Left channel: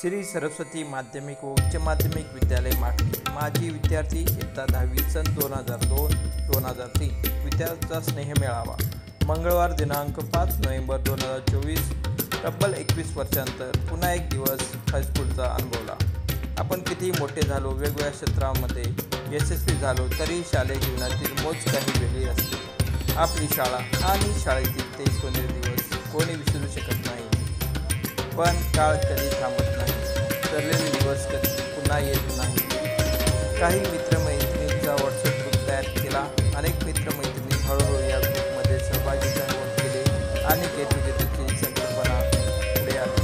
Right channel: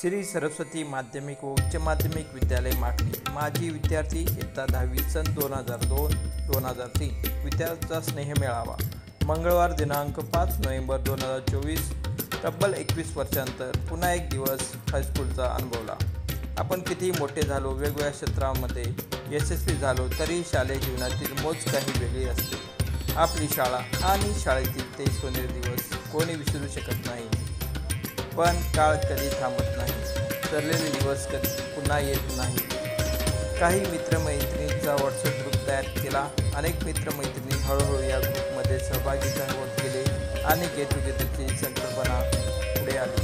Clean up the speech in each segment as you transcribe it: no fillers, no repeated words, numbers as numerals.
श्री सरस्वती माध्यमिक व उच्च माध्यमिक विद्यालय मागणी माजी विद्यार्थी इयत्ता 10वी सन 2002-2003 विद्यार्थ्यांचा स्नेह मेळावा मंगळवार दिनांक 5 नोव्हेंबर 2024 तब्बल 21 वर्षांनंतर पुन्हा एक दिवस हायस्कूलचा अनुभवला। आपण किती मोठे झालो, वेगवेगळ्या क्षेत्रांमध्ये यशस्वी झालो, तरी शालेय जीवनातील मोज काही वेगळी असते। आपली शाळा आणि शाळेतील ते सोनेरी दिवस कोणी विसरू शकत नाही। पण काळ कधी थांबत नाही, ठरलेले दिवस कधी पुन्हा येत नाही। काही मित्रमैत्रिणींचा व्हॉट्सअप ग्रुप तयार केला। अनेक मित्रमैत्रिणी हळूहळू या ग्रुपमध्ये सहभागी केले आणि गेट टुगेदरची संकल्पना पुढे आली।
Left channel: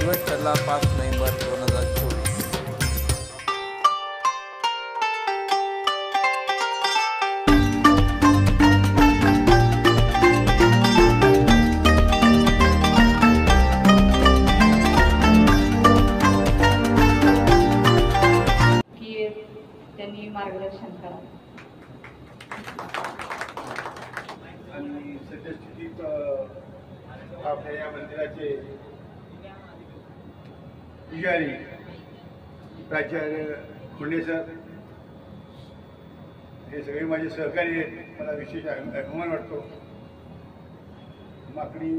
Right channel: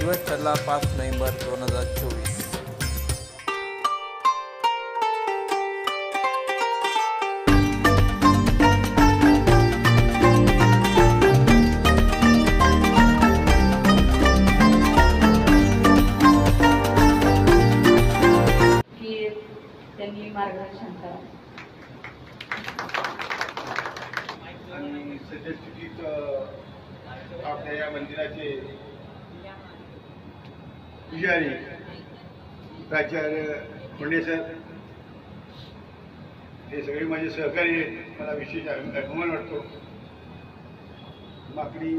दिवस ठरला 5 नोव्हेंबर 2024। त्यांनी मार्गदर्शन करा आणि सद्यस्थितीत आपल्या या मंदिराचे पुजारी प्राचार्य मुंडे सर हे सगळे माझे सहकारी आहेत। मला विशेष अभिमान वाटतो। माकडी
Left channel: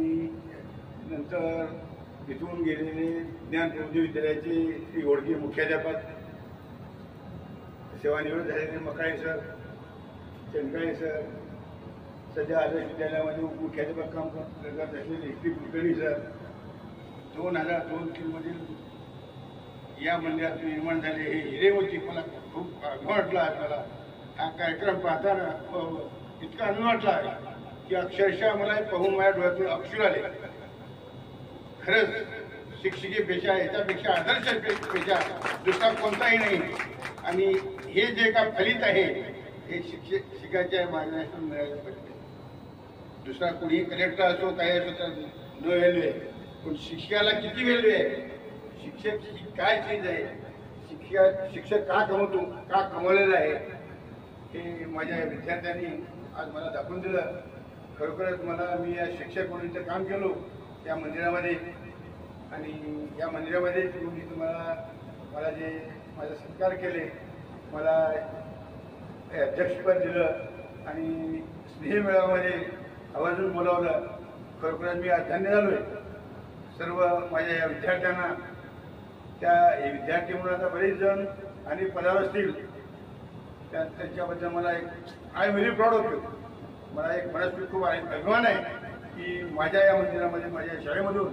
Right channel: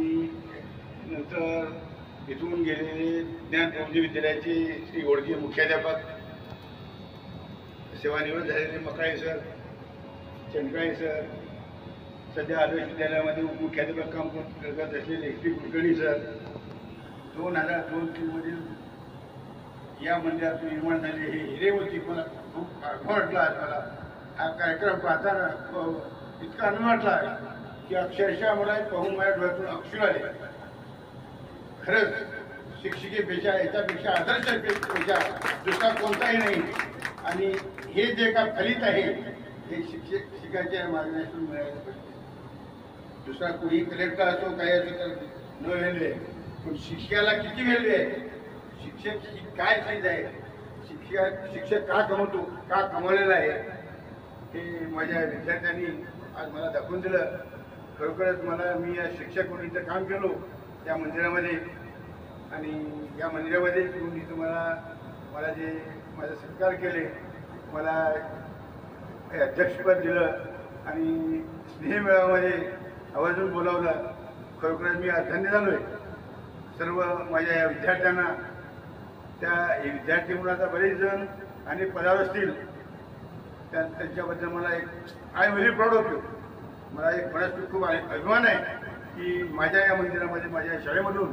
नंतर इथून गेलेले ज्ञान प्रबोधी विद्यालयाचे श्री गोडके मुख्याध्यापक, सेवानिवृत्त झालेले मकाळे सर, चंद्राळे सर, सध्या आदर्श विद्यालयामध्ये उपमुख्याध्यापक काम करत असलेले श्री कुलकर्णी सर, 2002-3 मधील या मंदिरातून निर्माण झाले हे हिरे होती। मला खूप अभिमान वाटला आहे। मला हा कार्यक्रम पाहताना इतका आनंद वाटला की अक्षरशः मला पाहून माझ्या डोळ्यातून अक्षर आले। खरंच शिक्षिकेपेक्षा याच्यापेक्षा आदर्श पेक्षा दुसरा कोणताही नाही। आणि हे जे का फलित आहे हे शिक्षकाच्या मार्गदर्शन मिळायला पाहिजे। दुसरा कोणी कलेक्टर असो काय असो तर न व्हॅल्यू आहे, पण शिक्षकाला किती व्हॅल्यू आहे, शिक्षक ही काय चीज आहे, शिक्षक का कमवतो, का कमवलेला आहे हे माझ्या विद्यार्थ्यांनी आज मला दाखवून दिलं। खरोखरच मी या शिक्षक म्हणून इथं काम केलो या मंदिरामध्ये, आणि या मंदिरामध्ये येऊन इथं मला जे माझा सत्कार केले, मला अध्यक्षपद दिलं आणि स्नेह मेळाव्यामध्ये आवर्जून बोलावलं। खरोखरच मी आज धन्य झालोय। सर्व माझ्या या विद्यार्थ्यांना, त्या विद्यार्थी म्हणून आता बरेच जण आणि पदावर असतील, त्यांच्याबद्दल मला I am very proud of you. मला एक मनात खूप अभिमान आहे की माझ्या या मंदिरामध्ये, माझ्या शाळेमधून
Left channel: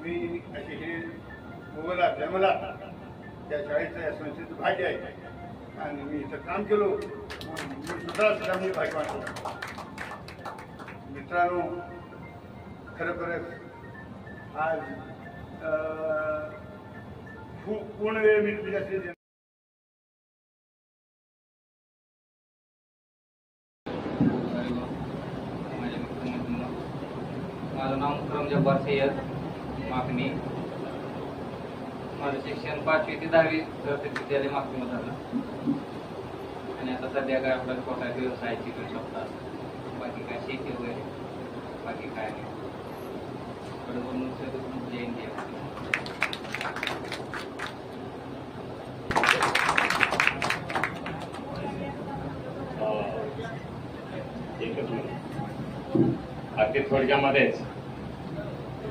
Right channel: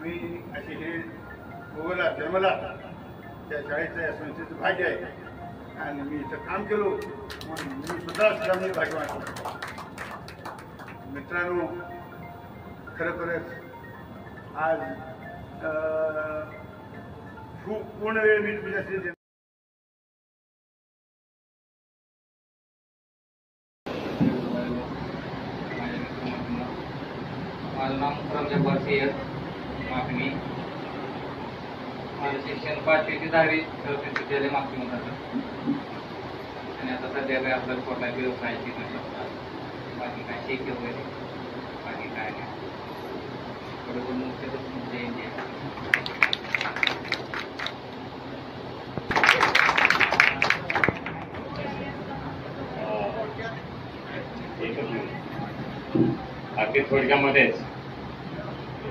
मी असे हे भोगला, जन्मला, त्या शाळेचं या संस्थेचं भाग्य आहे आणि मी इथं काम केलो म्हणून मी सुद्धा मी भाग्यवान होतो। मित्रांनो, खरोखरच आज पूर्ण वेळ मी तुझ्याशी माझं नाव रमजाबाद सय्यद मागणी। माझं शिक्षण 5वी ते 10वी सरस्वती विद्यालय मागणीमध्ये झालं आणि आता सध्या काय आपल्याला स्वतः व्यवसाय शिकू शकतात। बाकी काय शेती वगैरे बाकी काय नाही, बरोबर मुख्य इंडिया। अगदी थोडक्यामध्येच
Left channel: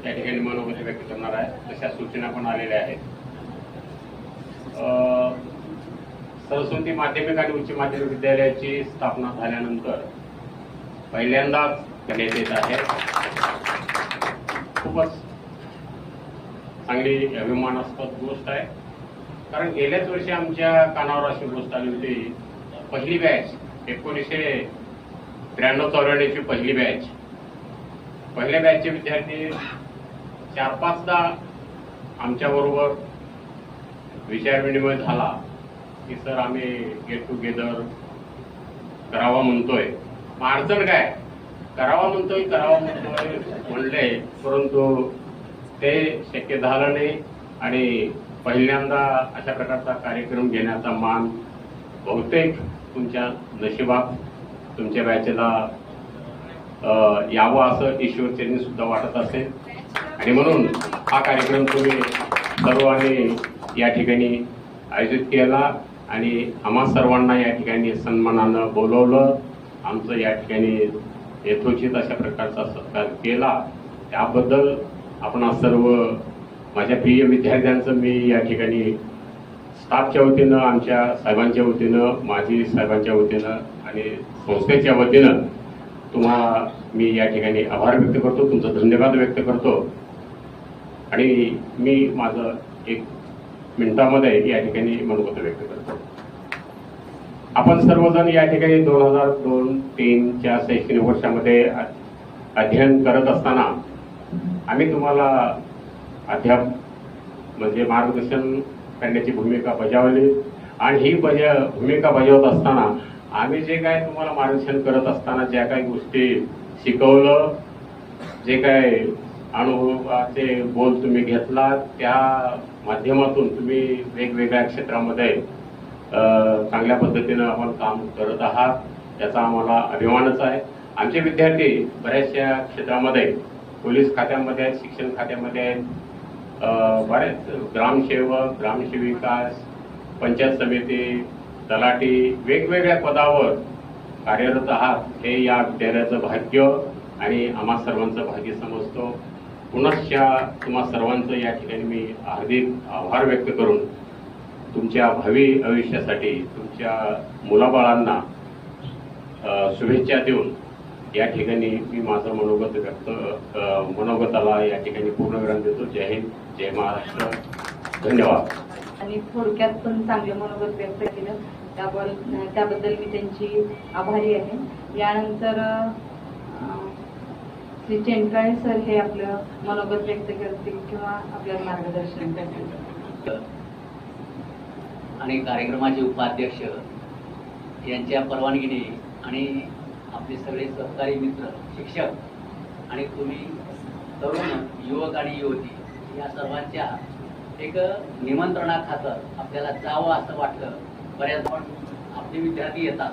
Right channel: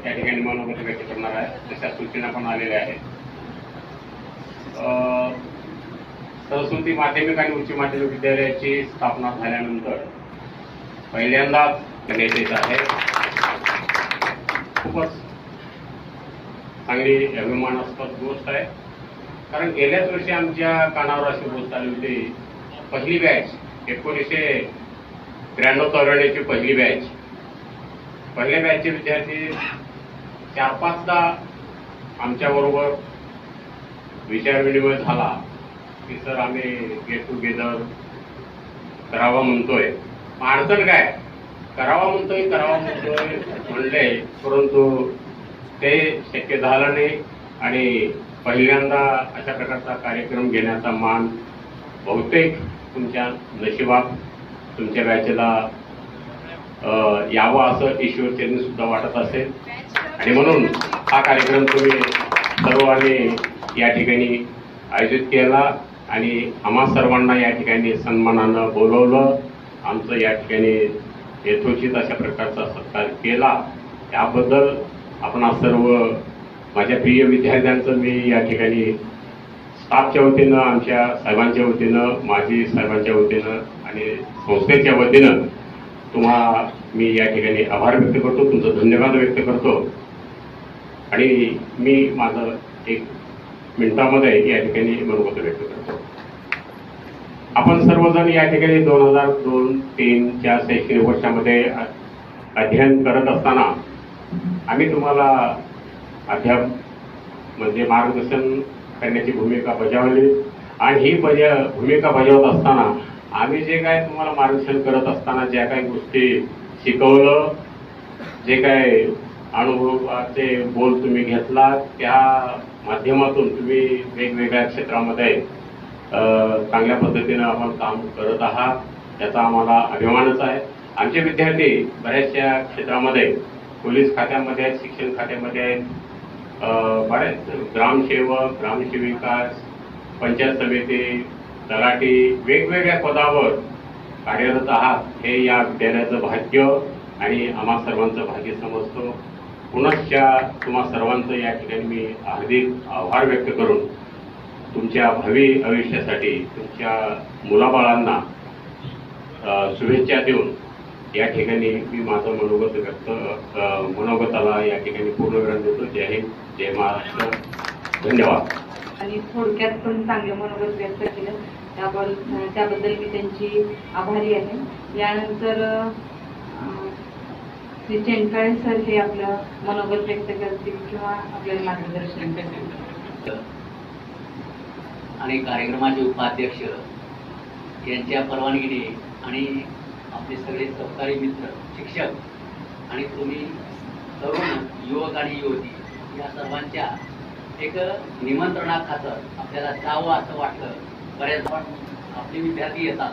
त्या ठिकाणी मनोगत व्यक्त करणार आहे। तशा सूचना पण आलेल्या आहेत। सरस्वती माध्यमिक आणि उच्च माध्यमिक विद्यालयाची स्थापना झाल्यानंतर पहिल्यांदा करण्यात येत आहे। खूपच चांगली अभिमानास्पद गोष्ट आहे, कारण गेल्याच वर्षी आमच्या कानावर अशी गोष्ट आली होती। पहिली बॅच 1993-94 पहिली बॅच, पहिल्या बॅचचे विद्यार्थी 4-5दा आमच्याबरोबर विचार विनिमय झाला की सर आम्ही गेट टुगेदर करावा म्हणतोय, अडचण काय, करावा म्हणतोय म्हणले, परंतु ते शक्य झालं नाही। आणि पहिल्यांदा अशा प्रकारचा कार्यक्रम घेण्याचा मान बहुतेक तुमच्या नशिबात तुमच्या बॅचला यावं असं ईश्वरचरणी सुद्धा वाटत असेल आणि म्हणून हा कार्यक्रम तुम्ही सर्व उत्सवाने या ठिकाणी आयोजित केला आणि आम्हा सर्वांना या ठिकाणी सन्मानानं बोलवलं. आमचं या ठिकाणी यथोचित अशा प्रकारचा सत्कार केला. त्याबद्दल आपणा सर्व माझ्या प्रिय विद्यार्थ्यांचं मी या ठिकाणी स्टाफच्या वतीनं, आमच्या साहेबांच्या वतीनं, माजी साहेबांच्या वतीनं आणि संस्थेच्या वतीनं तुम्हाला मी या ठिकाणी आभार व्यक्त करतो, तुमचं धन्यवाद व्यक्त करतो. आणि मी माझं 1 मिनिटामध्ये या ठिकाणी मनोगत व्यक्त करतो. आपण सर्वजण या ठिकाणी 2002-03च्या शैक्षणिक वर्षामध्ये अध्ययन करत असताना आम्ही तुम्हाला अध्याप म्हणजे मार्गदर्शन करण्याची भूमिका बजावली आणि ही भूमिका बजावत असताना आम्ही जे काय तुम्हाला मार्गदर्शन करत असताना ज्या काही गोष्टी शिकवलं, जे काय अनुभवाचे बोल तुम्ही घेतला, त्या माध्यमातून तुम्ही वेगवेगळ्या क्षेत्रामध्ये चांगल्या पद्धतीनं आपण काम करत आहात, त्याचा आम्हाला अभिमानच आहे. आमचे विद्यार्थी बऱ्याचशा क्षेत्रामध्ये, पोलीस खात्यामध्ये आहेत, शिक्षण खात्यामध्ये आहेत, बरेच ग्रामसेवक, ग्रामसेविका, पंचायत समिती, तलाठी, वेगवेगळ्या पदावर कार्यरत आहात. हे या विद्यालयाचं भाग्य आणि आम्हा सर्वांचं भाग्य समजतो. पुनश्च तुम्हा सर्वांचं या ठिकाणी मी हार्दिक आभार व्यक्त करून तुमच्या भावी आयुष्यासाठी तुमच्या मुलाबाळांना शुभेच्छा देऊन या ठिकाणी मी माझं मनोगताला या ठिकाणी पूर्णविराम देतो. जय हिंद, जय महाराष्ट्र, धन्यवाद. आणि थोडक्यात पण चांगलं मनोगत व्यक्त केलं, त्याबद्दल मी त्यांची आभारी आहे. यानंतर श्री चेनकाळे सर हे आपलं मनोगत व्यक्त करतील किंवा आपल्याला मार्गदर्शन करतील. आणि कार्यक्रमाचे उपाध्यक्ष यांच्या परवानगीने आणि आपले सगळे सहकारी मित्र, शिक्षक आणि तुम्ही तरुण युवक आणि युवती या सर्वांच्या एक निमंत्रणाखातर आपल्याला जावं असं वाटलं. बऱ्याच आपले विद्यार्थी येतात,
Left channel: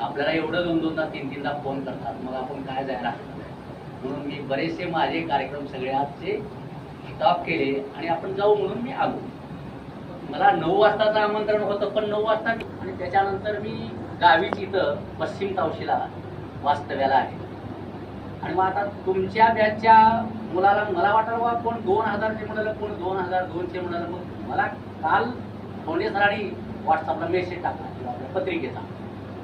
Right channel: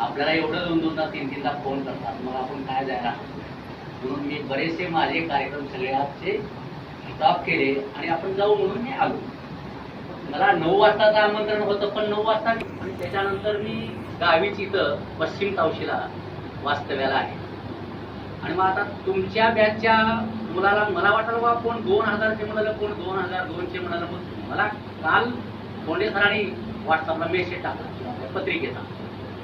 आपल्याला एवढं 2-2दा 3-3दा फोन करतात, मग आपण काय जायला. म्हणून मी बरेचसे माझे कार्यक्रम सगळे आजचे स्टॉप केले आणि आपण जाऊ म्हणून मी आलो. मला 9 वाजताचं आमंत्रण होतं, पण 9 वाजता आणि त्याच्यानंतर मी गावीच इथं पश्चिम तावशीला वास्तव्याला आहे. आणि मग आता तुमच्या बॅचच्या मुलाला मला वाटलं बा कोण 2000चे म्हणालं, कोण 2002चे म्हणालं. मग मला काल धोंडे सरांनी व्हॉट्सअपला मेसेज टाकला आपल्या पत्रिकेचा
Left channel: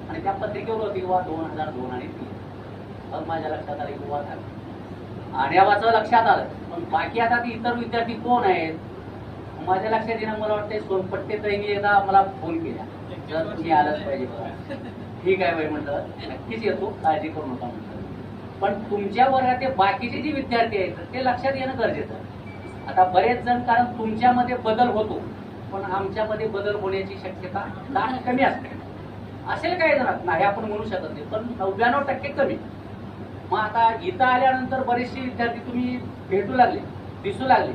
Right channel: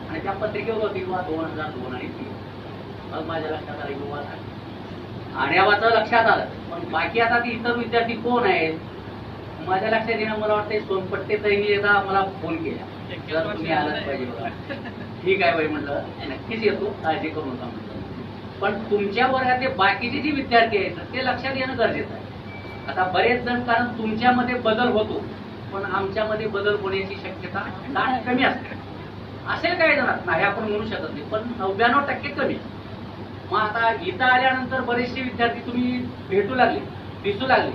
आणि त्या पत्रिकेवर होती बा 2002 आणि 3. मग माझ्या लक्षात आलं की बा आणि आवाचं लक्षात आलं. पण बाकी आता ती इतर विद्यार्थी कोण आहेत माझ्या लक्षात येणं, मला वाटतं सोनपट्टे ताईंनी एकदा मला फोन केला, तुम्ही आलाच पाहिजे बघा. ठीक आहे बाई म्हटलं, नक्कीच येतो, काळजी करू नका म्हटलं. पण तुमच्या वर्गातले बाकीचे जे विद्यार्थी आहेत ते लक्षात येणं गरजेचं आहे. आता बरेच जण, कारण तुमच्यामध्ये बदल होतो पण आमच्यामध्ये बदल होण्याची शक्यता दाट कमी असते. असेल काही जणात नाही आपण म्हणू शकत नाही, पण 99% कमी. मग आता इथं आल्यानंतर बरेचसे विद्यार्थी तुम्ही भेटू लागले, दिसू लागले,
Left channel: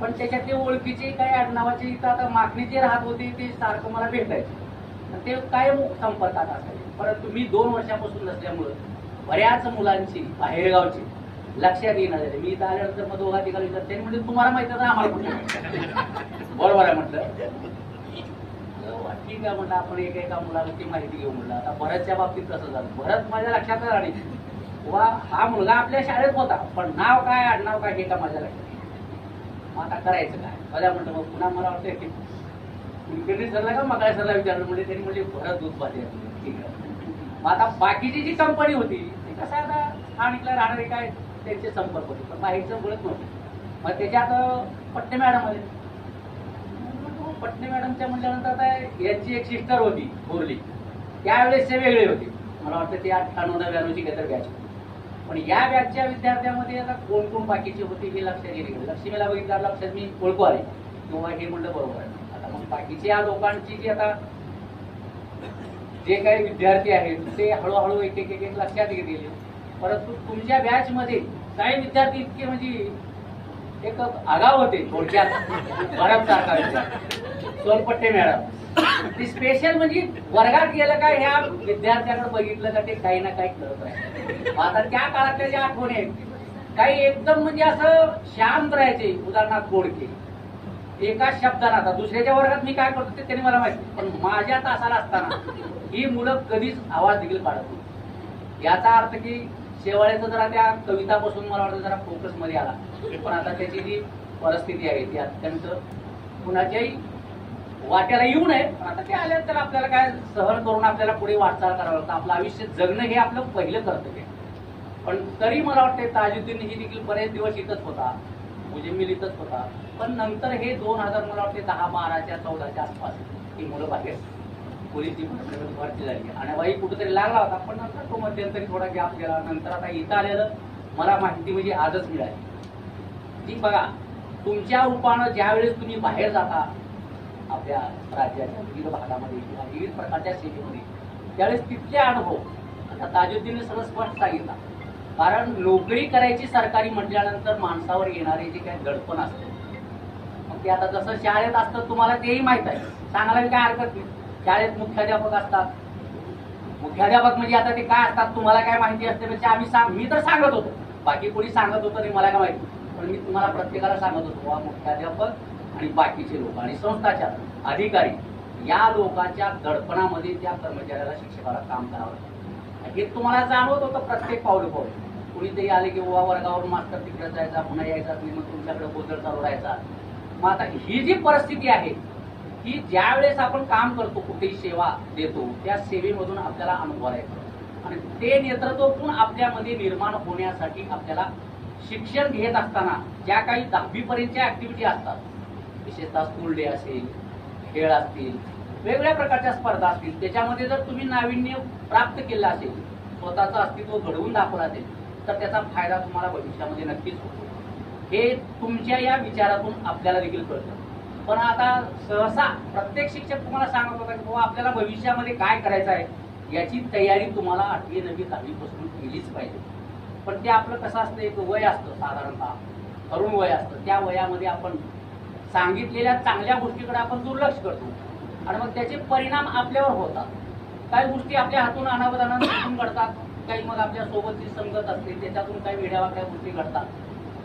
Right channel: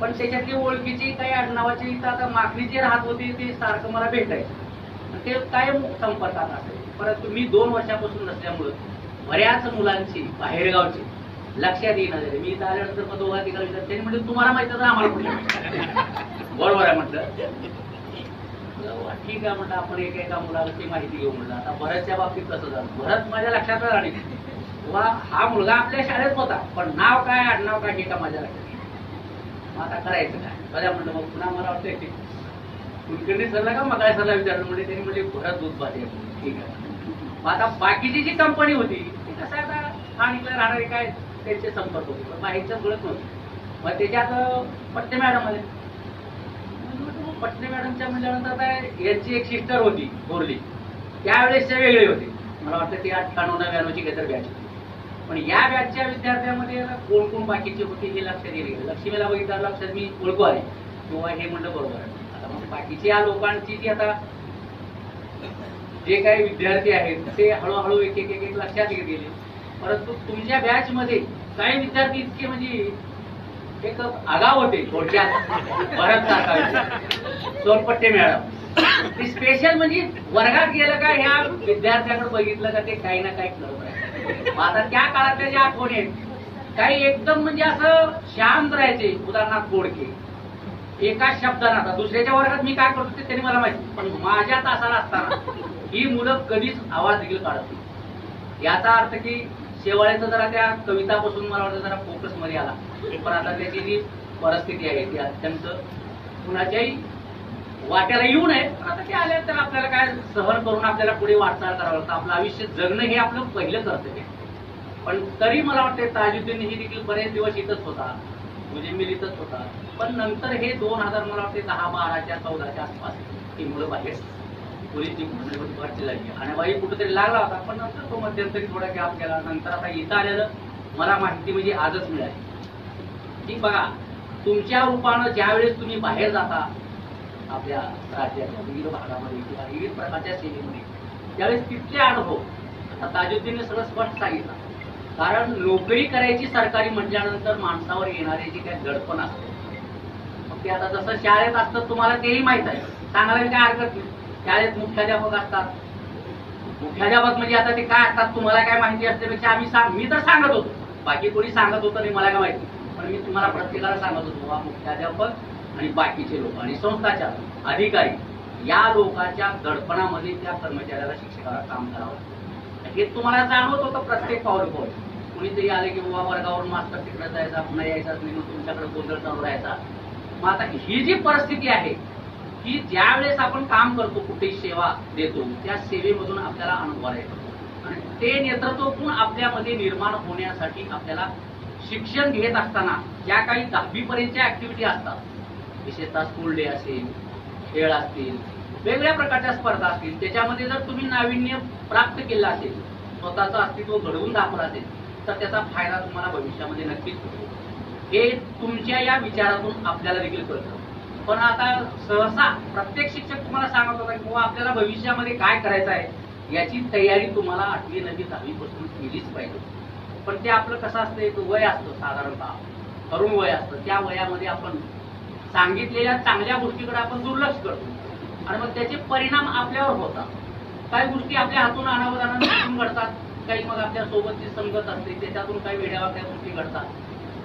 पण त्याच्यातले ओळखीचे काही आडनावाचे इथं आता मागणी जे राहत होते ते सारखं मला भेटायचं, ते कायम संपर्कात असायचे. परंतु मी 2 वर्षापासून नसल्यामुळं बऱ्याच मुलांची बाहेरगावची लक्षात येणार झाली. मी इथं आल्यानंतर मग 2 अधिकारी विद्यार्थी म्हणजे तुम्हाला माहिती आहे ना आम्हाला कुठे बरोबर आहे म्हटलं. ठीक आहे म्हटलं, आपण एका मुलाला ती माहिती घेऊ म्हटलं. आता भरतच्या बाबतीत कसं झालं, भरत माझ्या लक्षात राहिले वा हा मुलगा आपल्या शाळेत होता, पण नाव काय आडनाव काय हे का माझ्या लक्षात. मग आता करायचं काय बघा म्हटलं. मग पुन्हा मला वाटतं ते कुलकर्णी सरला का मग काय सरला विचारलं म्हणजे त्यांनी म्हणजे भरत दूध पाहिजे. ठीक आहे. मग आता बाकीची जी कंपनी होती ती कसं आता स्थानिकला राहणारे काय त्यांचे संपर्क होते, पण बाहेरचं कळत नव्हतं. मग त्याच्यात पट्टे मॅडम आले. पट्टे मॅडमच्या म्हटल्यानंतर काय यांची एक सिस्टर होती थोरली, त्यावेळेस ते वेगळे होते. मला वाटतं ती 98-99ची काहीतरी बॅच होती. पण या बॅचच्या विद्यार्थ्यांमध्ये कोण कोण बाकीचे होते हे लक्षात येईल. लक्ष्मीला बघितलं लक्षात मी ओळखू आले किंवा हे म्हणलं बरोबर आहे. आता मग बाकीच्या या लोकांची जी आता जे काही विद्यार्थी आहेत ते हळूहळू एक एक एक लक्षात येत गेले. परंतु तुमच्या बॅच मध्ये काही विद्यार्थी इतके म्हणजे एक आगाव होते थोडक्यात. भरत सारखा, सोनपट्टे मॅडम, ती स्पेशल म्हणजे वर्गात गेलं का ह्या विद्यार्थ्याकडे बघितलं का ते काही ना काही करत राहिले. आता त्या काळातल्या ज्या आठवणी आहेत काही एकदम म्हणजे असं शांत राहायचे. उदाहरणार्थ बोडके, एका शब्दाला, आता दुसऱ्याच्या वर्गात मी काय करतो ते त्यांनी मला माहिती, पण माझ्या तासाला असताना ही मुलं कधीच आवाज देखील काढत नाही. याचा अर्थ की शेवाळेचं जरा त्या कवितापासून मला वाटतं जरा फोकस मध्ये आला, पण आता त्याची जी परिस्थिती आहे ती अत्यंत कुणाच्याही वाट्याला येऊ नये. पण आता ते आले तर आपल्याला काय सहन करून आपल्याला पुढे वाटचाल करावं लागतं. आपलं आयुष्य जगणं हे आपलं पहिलं कर्तव्य आहे. पण तरी मला वाटतं ताजुद्दीन ही देखील बरेच दिवस इथंच होता, मुजिमिल इथंच होता, पण नंतर हे 2000 मला वाटते 10-12च्या 14च्या आसपास ही मुलं बाहेर पोलीसची भरती झाली आणि वाई कुठेतरी लागला होता. पण नंतर तो मध्यंतरी थोडा गॅप गेला. नंतर आता इथं आलेलं मला माहिती म्हणजे आजच मिळाली की बघा, तुमच्या रूपानं ज्यावेळेस तुम्ही बाहेर जाता आपल्या राज्याच्या विविध भागामध्ये किंवा विविध प्रकारच्या सेवेमध्ये, त्यावेळेस तिथले अनुभव आता ताजुद्दीनने सगळं स्पष्ट सांगितलं. कारण नोकरी करायची सरकारी म्हटल्यानंतर माणसावर येणारे जे काही दडपण असते, ते आता जसं शाळेत असतं तुम्हाला तेही माहित आहे, सांगायला काय हरकत नाही. शाळेत मुख्याध्यापक असतात. मुख्याध्यापक म्हणजे आता ते काय असतात तुम्हाला काय माहिती असल्यापेक्षा मी तर सांगत होतो, बाकी कोणी सांगत होतं नाही मला काय माहिती, पण मी तुम्हाला प्रत्येकाला सांगत होतो वा मुख्याध्यापक आणि बाकीचे लोक आणि संस्थाच्या अधिकारी या लोकांच्या दडपणामध्ये त्या कर्मचाऱ्याला शिक्षकाला काम करावं हे तुम्हाला जाणवत होतं प्रत्येक पावले पावले. कुणीतरी आले की बाबा वर्गावरून मास्तर तिकडे जायचा, पुन्हा यायचाच नाही, मग तुमच्याकडे गोंधळ चालू राहायचा. मग आता ही जी परिस्थिती आहे की ज्या वेळेस आपण काम करतो, कुठे सेवा देतो, त्या सेवेमधून आपल्याला अनुभव येतो आणि ते नेतृत्व गुण आपल्यामध्ये निर्माण होण्यासाठी आपल्याला शिक्षण घेत असताना ज्या काही 10वी पर्यंतच्या ऍक्टिव्हिटी असतात, विशेषतः स्कूल डे असेल, खेळ असतील, वेगवेगळ्या प्रकारच्या स्पर्धा असतील, त्याच्यामध्ये जर तुम्ही नाविन्य प्राप्त केलं असेल, स्वतःचं अस्तित्व घडवून दाखवलं असेल, तर त्याचा फायदा तुम्हाला भविष्यामध्ये नक्कीच होतो. हे तुमच्या या विचारातून आपल्याला देखील कळतं. पण आता सहसा प्रत्येक शिक्षक तुम्हाला सांगत होता की आपल्याला भविष्यामध्ये काय करायचं आहे याची तयारी तुम्हाला 8वी 9वी 10वी पासून केलीच पाहिजे. पण ते आपलं कसं असतं, एक वय असतं साधारणतः, तरुण वय असतं, त्या वयामध्ये आपण सांगितलेल्या चांगल्या गोष्टीकडे आपण दुर्लक्ष करतो आणि मग त्याचे परिणाम आपल्यावर होतात. काही गोष्टी आपल्या हातून अनावधानाने सुटून घडतात, काही मग आपल्या सोबतची संगत असते त्याच्यातून काही वेड्यावाकड्या गोष्टी घडतात.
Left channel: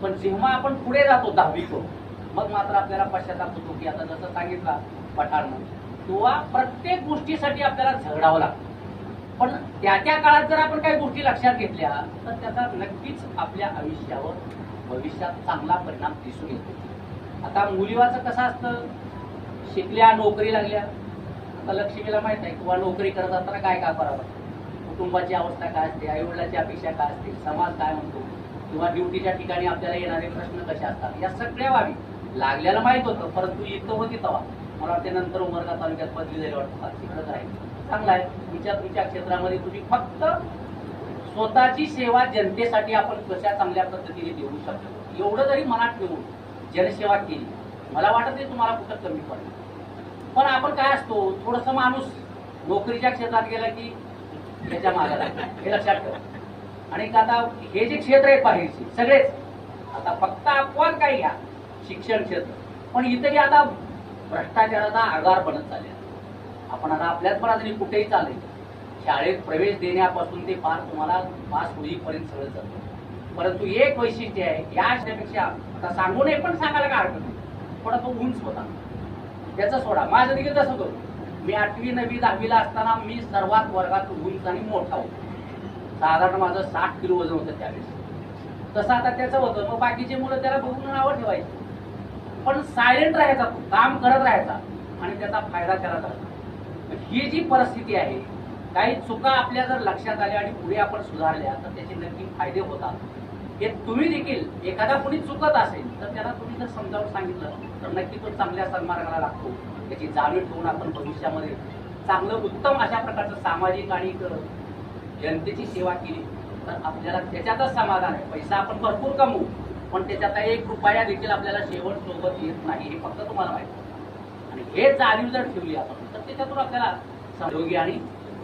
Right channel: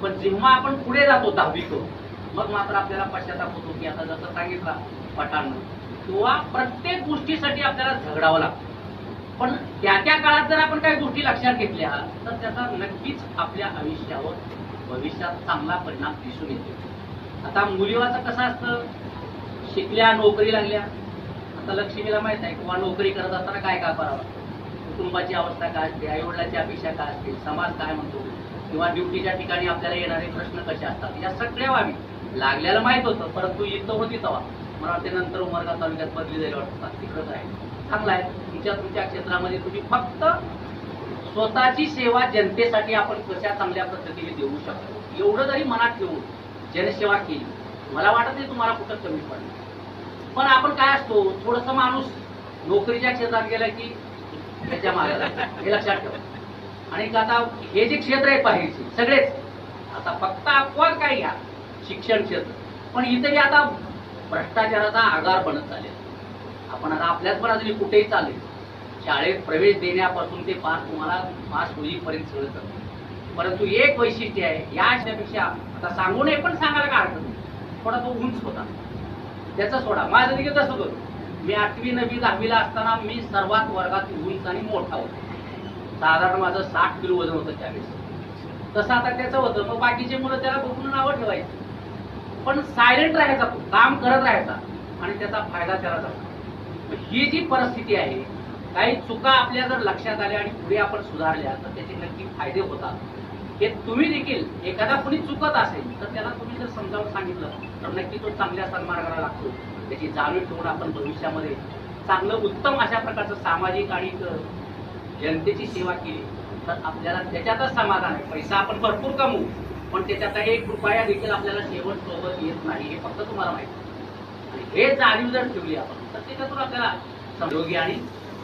पण जेव्हा आपण पुढे जातो 10वी करून, मग मात्र आपल्याला पश्चाताप होतो की आता जसं सांगितलं पठाणनं किंवा प्रत्येक गोष्टीसाठी आपल्याला झगडावं लागतं. पण त्या काळात जर आपण काही गोष्टी लक्षात घेतल्या तर त्याचा नक्कीच आपल्या आयुष्यावर भविष्यात चांगला परिणाम दिसून येतो. आता मुलीवाचं कसं असतं, शिकल्या, नोकरी लागल्या, आता लक्ष्मीला माहित आहे किंवा नोकरी करत असताना काय काय करावं, कुटुंबाची अवस्था काय असते, आईवडिलाची अपेक्षा काय असते, समाज काय म्हणतो, किंवा ड्युटीच्या ठिकाणी आपल्याला येणारे प्रश्न कसे असतात, या सगळ्या बाबी लागल्याला माहित होतं. परंतु इथं होती तेव्हा मला वाटते नंतर उमरगा तालुक्यात बदली जाईल वाटतात, तिकडंच आहे. चांगला आहे, तुमच्या क्षेत्रामध्ये तुम्ही फक्त स्वतःची सेवा जनतेसाठी आपण कशा चांगल्या पद्धतीने देऊ शकतो एवढं जरी मनात ठेवून जनसेवा केली, मला वाटत नाही तुम्हाला कुठं कमी पडेल. पण आपण काय असतो, थोडस माणूस नोकरीच्या क्षेत्रात गेला की याच्या मागे लागतो, हे लक्षात ठेवा. आणि आता हे जे क्षेत्र आहे बाहेरचे सगळेच, आता फक्त अपवाद काय घ्या शिक्षण क्षेत्र, पण इथेही आता भ्रष्टाचाराचा आगार बनत चालला. आपण आता आपल्याच बाजूने कुठेही चालेल, शाळेत प्रवेश देण्यापासून ते तुम्हाला पास होईपर्यंत सगळं चालतं. परंतु एक वैशिष्ट्य आहे, याच्यापेक्षा आता सांगू नये पण सांगायला काय हरकत नाही, थोडा तो उंच होता त्याचा सोडा. माझं देखील तसं होतं, मी 8वी 9वी 10वीला असताना मी सर्वात वर्गात उंच आणि मोठा होतो. साधारण माझं 60 किलो वजन होतं त्यावेळेस. तसं आता त्याचं होतं, मग बाकीचे मुलं त्याला बघून नावं ठेवायची, पण सायलेंट राहायचा, तो काम करत राहायचा आणि त्याचा फायदा त्याला झाला. ही जी परिस्थिती आहे, काही चुका आपल्या जर लक्षात आल्या आणि पुढे आपण सुधारल्या तर त्याचे नक्की फायदे होतात. हे तुम्ही देखील एखादा कोणी चुकत असेल तर त्याला तुम्ही जर समजावून सांगितलं तर नक्की तो चांगल्या सन्मार्गाला लागतो. त्याची जाणीव ठेवून आपण भविष्यामध्ये चांगलं उत्तम अशा प्रकारचं सामाजिक आणि जनतेची सेवा केली तर आपल्याला त्याच्यातच समाधान आहे. पैसा आपण भरपूर कमवू पण त्याच्यात 1 रुपया देखील आपल्याला शेवट सोबत येत नाही, हे फक्त तुम्हाला माहिती. आणि हे जाणीव जर ठेवली आपण तर त्याच्यातून आपल्याला निरोगी आणि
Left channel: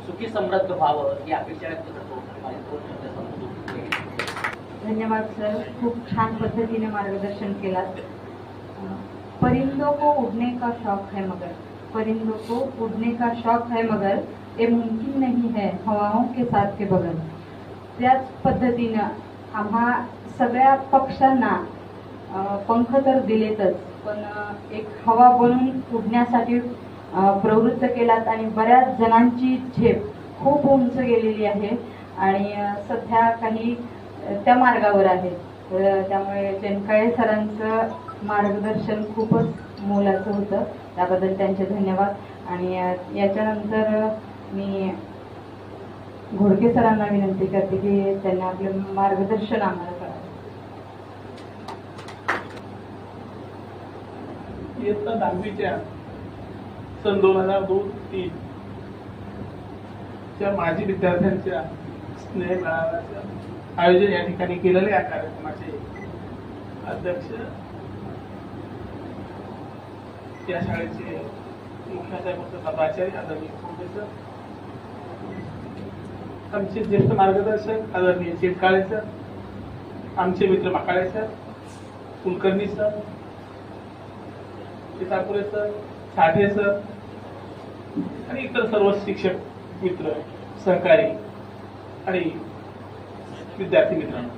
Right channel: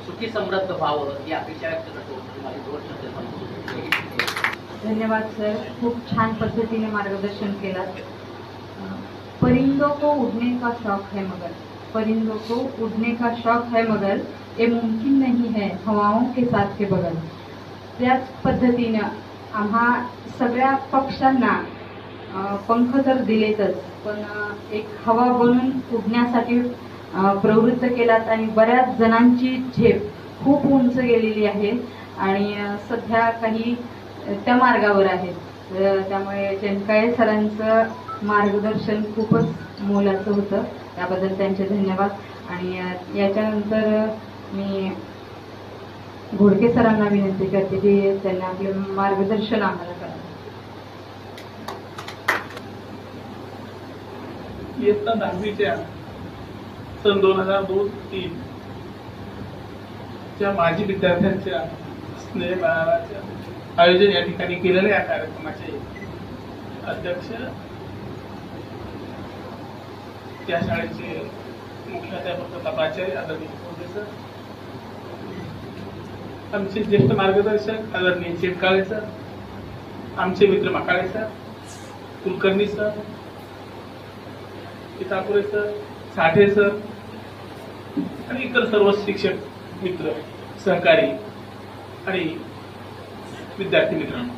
सुखी समृद्ध व्हावं ही अपेक्षा व्यक्त करतो. धन्यवाद सर, खूप छान पद्धतीने मार्गदर्शन केलात. परिंदों को उड़ने का शौक है मगर, परिंदों को उड़ने का शौक है मगर ये मुमकिन नहीं है हवाओं के साथ के बगल. त्याच पद्धतीनं आम्हा सगळ्या पक्ष्यांना पंख तर दिलेतच पण एक हवा बनून उडण्यासाठी प्रवृत्त केलात आणि बऱ्याच जणांची झेप खूप उंच गेलेली आहे आणि सध्या काही त्या मार्गावर आहेत. त्यामुळे चेनकाळे सरांचं मार्गदर्शन खूपच मोलाचं होतं. त्याबद्दल त्यांचे धन्यवाद. आणि याच्यानंतर मी घोडके सरांना विनंती करते की त्यांनी आपले मार्गदर्शन आम्हाला करावं. इयत्ता 10वीच्या सन 2002-03 च्या माजी विद्यार्थ्यांच्या स्नेह मेळाव्याचे आयोजन या ठिकाणी केलेले या कार्यक्रमाचे अध्यक्ष, त्या शाळेचे मुख्याध्यापक तथा प्राचार्य आदरणीय कोंडे सर, आमचे ज्येष्ठ मार्गदर्शक आदरणीय चेटकाळे सर, आमचे मित्र माकाळे सर, कुलकर्णी सर, पितापुरे सर, साठे सर आणि इतर सर्व शिक्षक मित्र, सहकारी आणि विद्यार्थी मित्रांनो,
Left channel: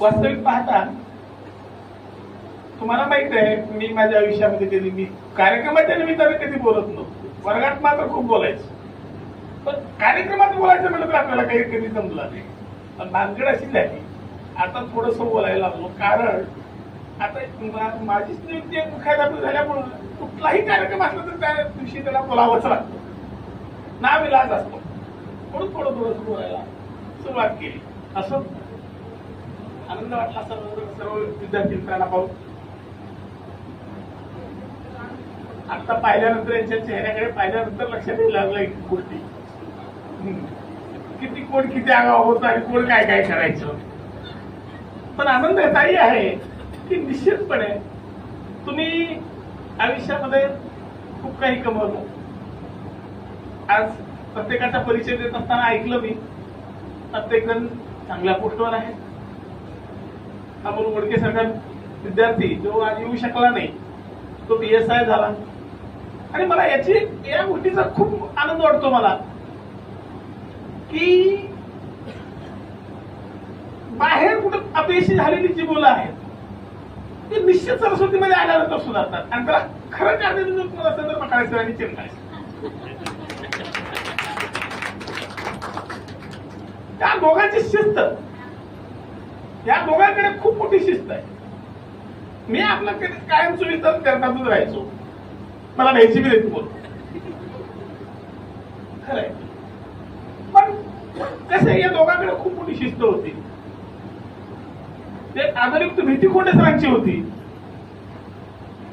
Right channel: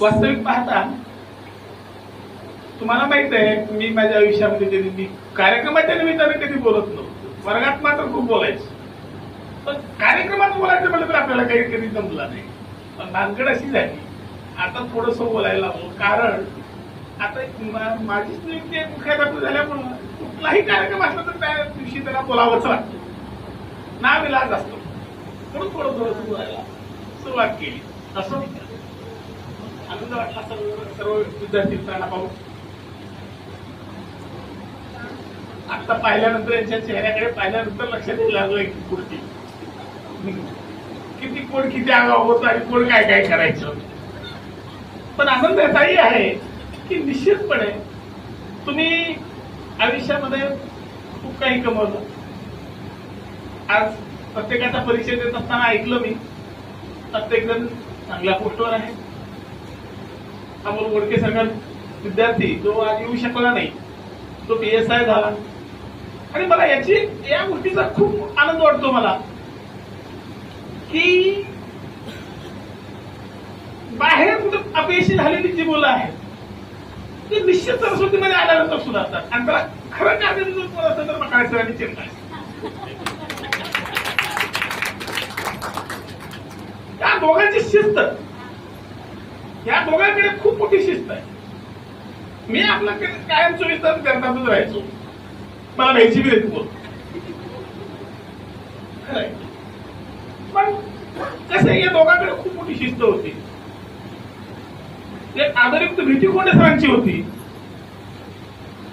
वास्तविक पाहता तुम्हाला माहित आहे मी माझ्या आयुष्यामध्ये कधी मी कार्यक्रमाच्या निमित्ताने कधी बोलत नव्हतो. वर्गात मात्र खूप बोलायचो, पण कार्यक्रमात बोलायचं म्हटलं तर आपल्याला काही कधी जमलं नाही. पण भानगड अशी झाली, आता थोडस बोलायला लागलो, कारण आता माझीच नियुक्ती मुख्याध्यापक झाल्यामुळं कुठलाही कार्यक्रम असला तर त्या दिवशी त्याला बोलावंच लागतं, नाविलाज असतो. म्हणून थोडं बोलायला सुरुवात केली. असं आनंद वाटला सर्व विद्यार्थी मित्रांना पाहून. आता पाहिल्यानंतर यांच्या चेहऱ्याकडे पाहिल्यानंतर लक्षात येऊ लागलं एक गोष्टी, किती कोण किती आगाव होत आणि कोण काय काय करायचं. पण आनंद याचाही आहे की निश्चितपणे तुम्ही आयुष्यामध्ये खूप काही कमवलं. आज प्रत्येकाचा परिचय देत असताना ऐकलं मी, प्रत्येक जण चांगल्या पोस्टवर आहे. अमोल गोडके सगळा विद्यार्थी जो आज येऊ शकला नाही, तो PSI झाला. आणि मला या गोष्टीचा खूप आनंद वाटतो मला की बाहेर कुठं अपयशी झालेली जी मुलं आहेत ते निश्चित सरस्वतीमध्ये आल्यानंतर सुधारतात. आणि त्याला खरं कारण जर तुम्हाला असेल तर मकाळे सरांनी चिंता आहे. त्या दोघांची शिस्त, या दोघांकडे खूप मोठी शिस्त आहे. मी आपला कायम चोवीस तास करतातच राहायचो, मला भ्यायची बी देत बोल खरंय. पण कसं या दोघांकडे खूप मोठी शिस्त होती. ते आदरयुक्त भीती कोंडे सरांची होती.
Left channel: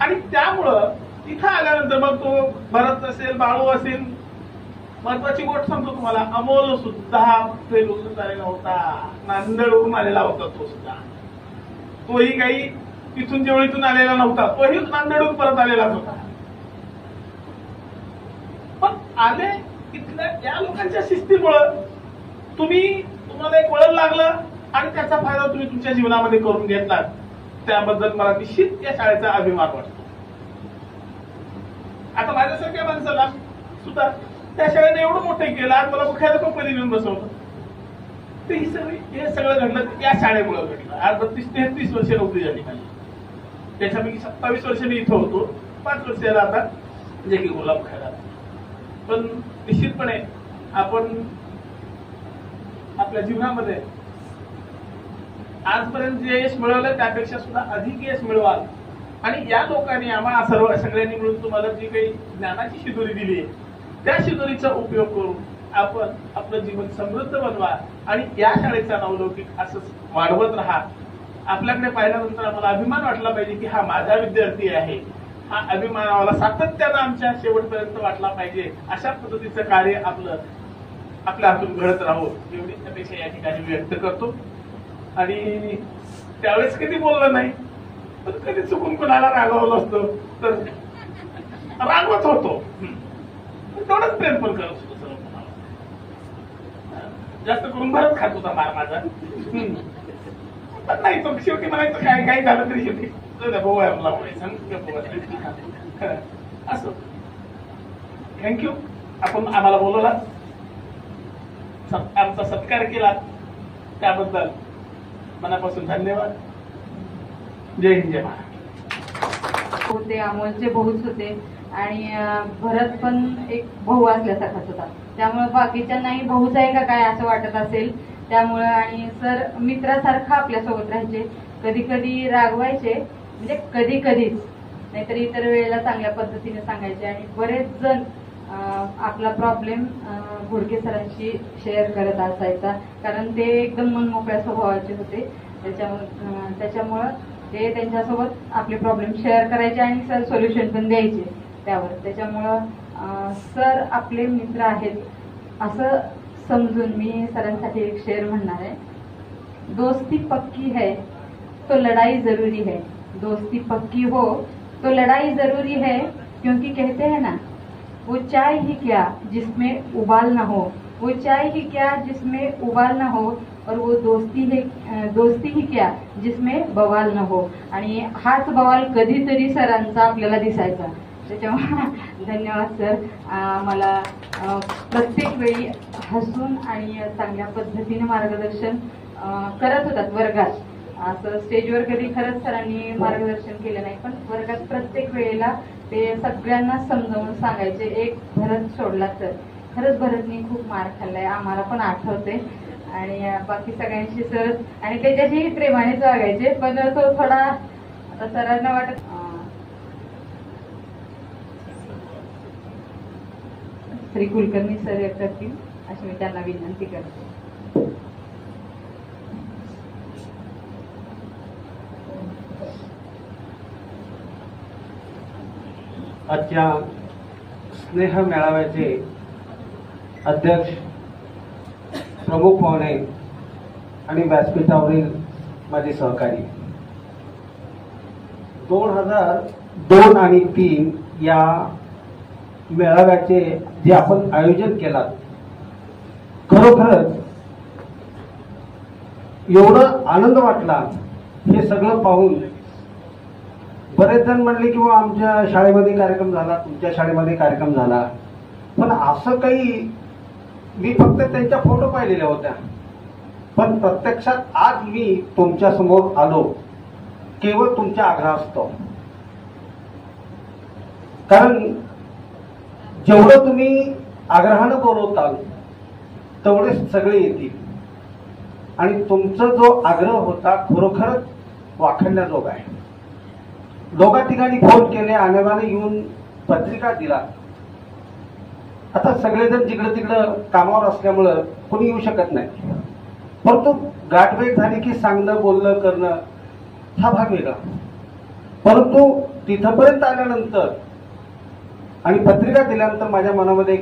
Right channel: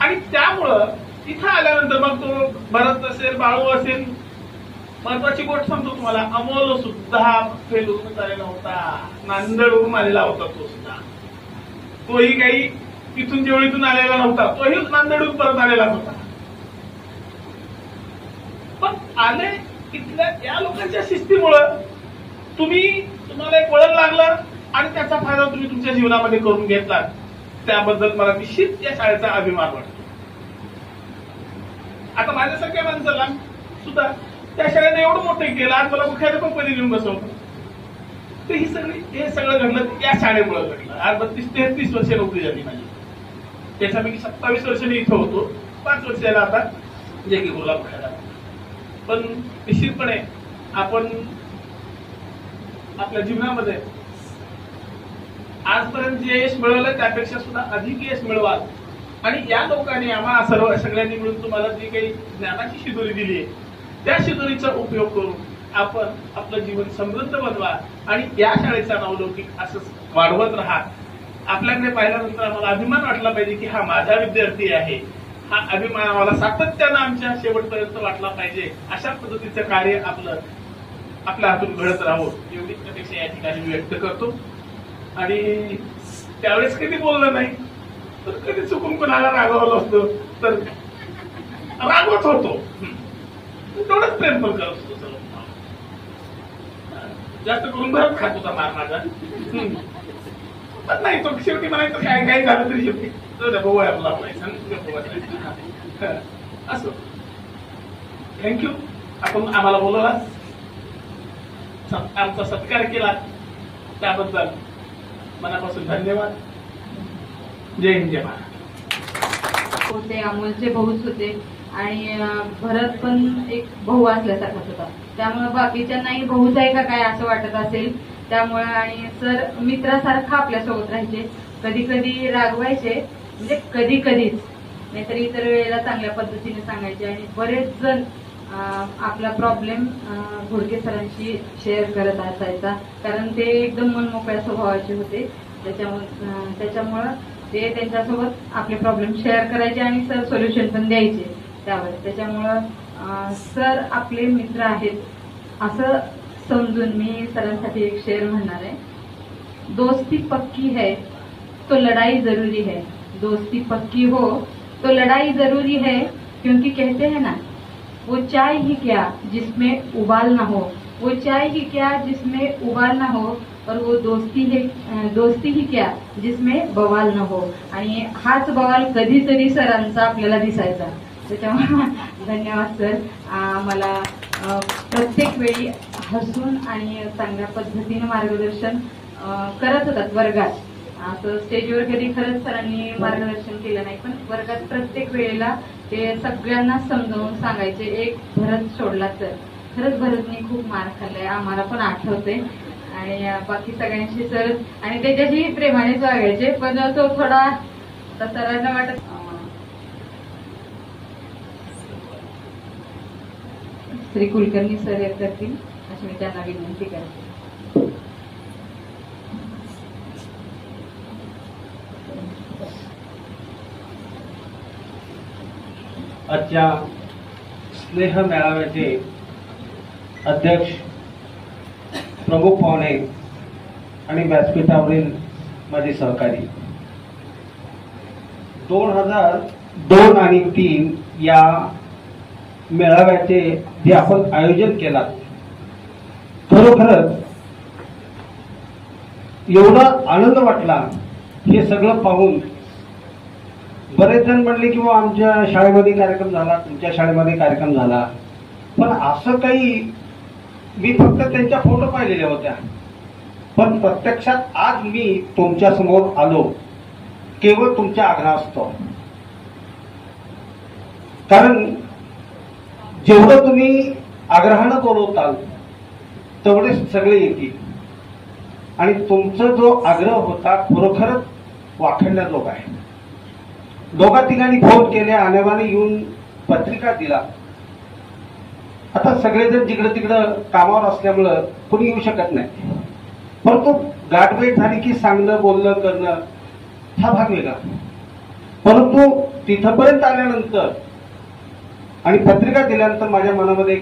आणि त्यामुळं इथं आल्यानंतर मग तो भरत असेल, बाळू असेल, महत्वाची गोष्ट सांगतो तुम्हाला, अमोल सुद्धा फेलून आलेला होता, नांदेडवरून आलेला होता. तो सुद्धा, तोही काही तिथून जेवळीतून आलेला नव्हता, तोही नांदेडून परत आलेला होता. पण आले इथल्या या लोकांच्या शिस्तीमुळं तुम्हाला एक वळण लागलं आणि त्याचा फायदा तुम्ही तुमच्या जीवनामध्ये करून घेतलात. त्याबद्दल मला निश्चित या शाळेचा अभिमान वाटतो. आता माझ्यासारख्या माणसाला सुद्धा त्या शाळेने एवढं मोठं केलं, आज मला मुख्याध्यापकपदी नेऊन बसवलं. तर हे सगळं घडलं या शाळेमुळे घडलं. आज 32-33 वर्ष नोकरी झाली माझी. त्याच्यापैकी 27 वर्ष मी इथं होतो, 5 वर्षाला आता जे की बोला मुख्याध्यापक. पण निश्चितपणे आपण आपल्या जीवनामध्ये आजपर्यंत जे यश मिळवलं त्यापेक्षा सुद्धा अधिक यश मिळवाल. आणि या लोकांनी आम्हाला सगळ्यांनी मिळून तुम्हाला जी काही ज्ञानाची शिदोरी दिली आहे त्या शिदोरीचा उपयोग करून आपण आपलं जीवन समृद्ध बनवा आणि या शाळेचा नावलौकिक असंच वाढवत राहा. आपल्याकडे पाहिल्यानंतर आम्हाला अभिमान वाटला पाहिजे की हा माझा विद्यार्थी आहे. हा अभिमान आम्हाला सातत्यानं आमच्या शेवटपर्यंत वाटला पाहिजे. अशा पद्धतीचं कार्य आपल्या हातून घडत राहो एवढी अपेक्षा या ठिकाणी व्यक्त करतो. आणि त्यावेळेस कधी बोललं नाही, पण कधी चुकून कोणाला रागवलं असतं तर रागवत होतो, तेवढंच प्रेम पण करत होतो. जास्त करून भरत खात होता मार माझा. पण नाही, तो शेवटी म्हणायचं काय काय झालं तरी शेवटी भाऊ आहे आपला असं. थँक्यू, आपण आम्हाला बोलवला, आमचा सत्कार केला, त्याबद्दल मनापासून धन्यवाद. जय हिंद, जय महाराष्ट्र. होते, अमोलचे भाऊच होते आणि भरत पण एक भाऊ असल्यासारखाच होता. त्यामुळे बाकीच्यांनाही भाऊच आहे का काय असं वाटत असेल. त्यामुळे आणि सर मित्रासारखं आपल्यासोबत राहायचे. कधी कधी रागवायचे, म्हणजे कधी कधीच, नाहीतर इतर वेळेला चांगल्या पद्धतीने सांगायचे. आणि बरेच जण आपला प्रॉब्लेम घोडके सरांशी शेअर करत असायचा, कारण ते एकदम मनमोकळ्या स्वभावाचे होते. त्याच्यामुळं ते त्यांच्यासोबत आपले प्रॉब्लेम शेअर करायचे आणि सर सोल्युशन पण द्यायचे त्यावर. त्याच्यामुळं सर आपले मित्र आहेत असं समजून मी सरांसाठी एक शेअर म्हणणार आहे. दोस्ती पक्की है तो लड़ाई जरूरी है, दोस्ती पक्की हो तो लड़ाई जरूरी है, क्योंकि कहते हैं ना, वो चाय ही क्या जिसमें उबाल ना हो, वो चाय ही क्या जिसमें उबाल ना हो, और वो दोस्ती ही क्या जिसमें बवाल न हो. आणि हाच बवाल कधीतरी सरांचा आपल्याला दिसायचा. त्याच्यामुळे धन्यवाद सर. मला प्रत्येक वेळी हसून आणि चांगल्या पद्धतीने मार्गदर्शन करत होतात वर्गात. असं स्टेजवर कधी खरंच सरांनी मार्गदर्शन केलं नाही, पण वर्गात प्रत्येक वेळेला ते सगळ्यांना समजावून सांगायचे. एक भरत सोडला तर खरंच भरतनी खूप मार खाल्लाय, आम्हाला पण आठवते. आणि बाकी सगळ्यांशी सर आणि त्याच्याशी प्रेमानेच वागायचे. पण तो थोडा सरांना वाटत श्री कुलकर्णी सर एक करतील अशी मी त्यांना विनंती करते. आजच्या स्नेह मेळाव्याचे अध्यक्ष, प्रमुख पाहुणे आणि व्यासपीठावरील माझे सहकारी, 2002 आणि 2003 या मेळाव्याचे जे आपण आयोजन केलात, खरोखरच एवढा आनंद वाटला हे सगळं पाहून. बरेच जण म्हणले की आमच्या शाळेमध्ये कार्यक्रम झाला, तुमच्या शाळेमध्ये कार्यक्रम झाला, पण असं काही, मी फक्त त्यांच्या फोटो पाहिलेल्या होत्या. पण प्रत्यक्षात आज मी तुमच्या समोर आलो केवळ तुमच्या आग्रहास्तव. कारण जेवढं तुम्ही आग्रहानं बोलवताल तेवढे सगळे येतील. आणि तुमचा जो आग्रह होता खरोखरच वाखणण्याजोगा आहे. दोघा ठिकाणी फोन केले, आणेवाने येऊन पत्रिका दिला. आता सगळेजण जिकडं तिकडं कामावर असल्यामुळं कोणी येऊ शकत नाही, परंतु गाठभेट झाली की सांगणं, बोलणं, करणं हा भाग वेगळा. परंतु तिथपर्यंत आल्यानंतर आणि पत्रिका दिल्यानंतर माझ्या मनामध्ये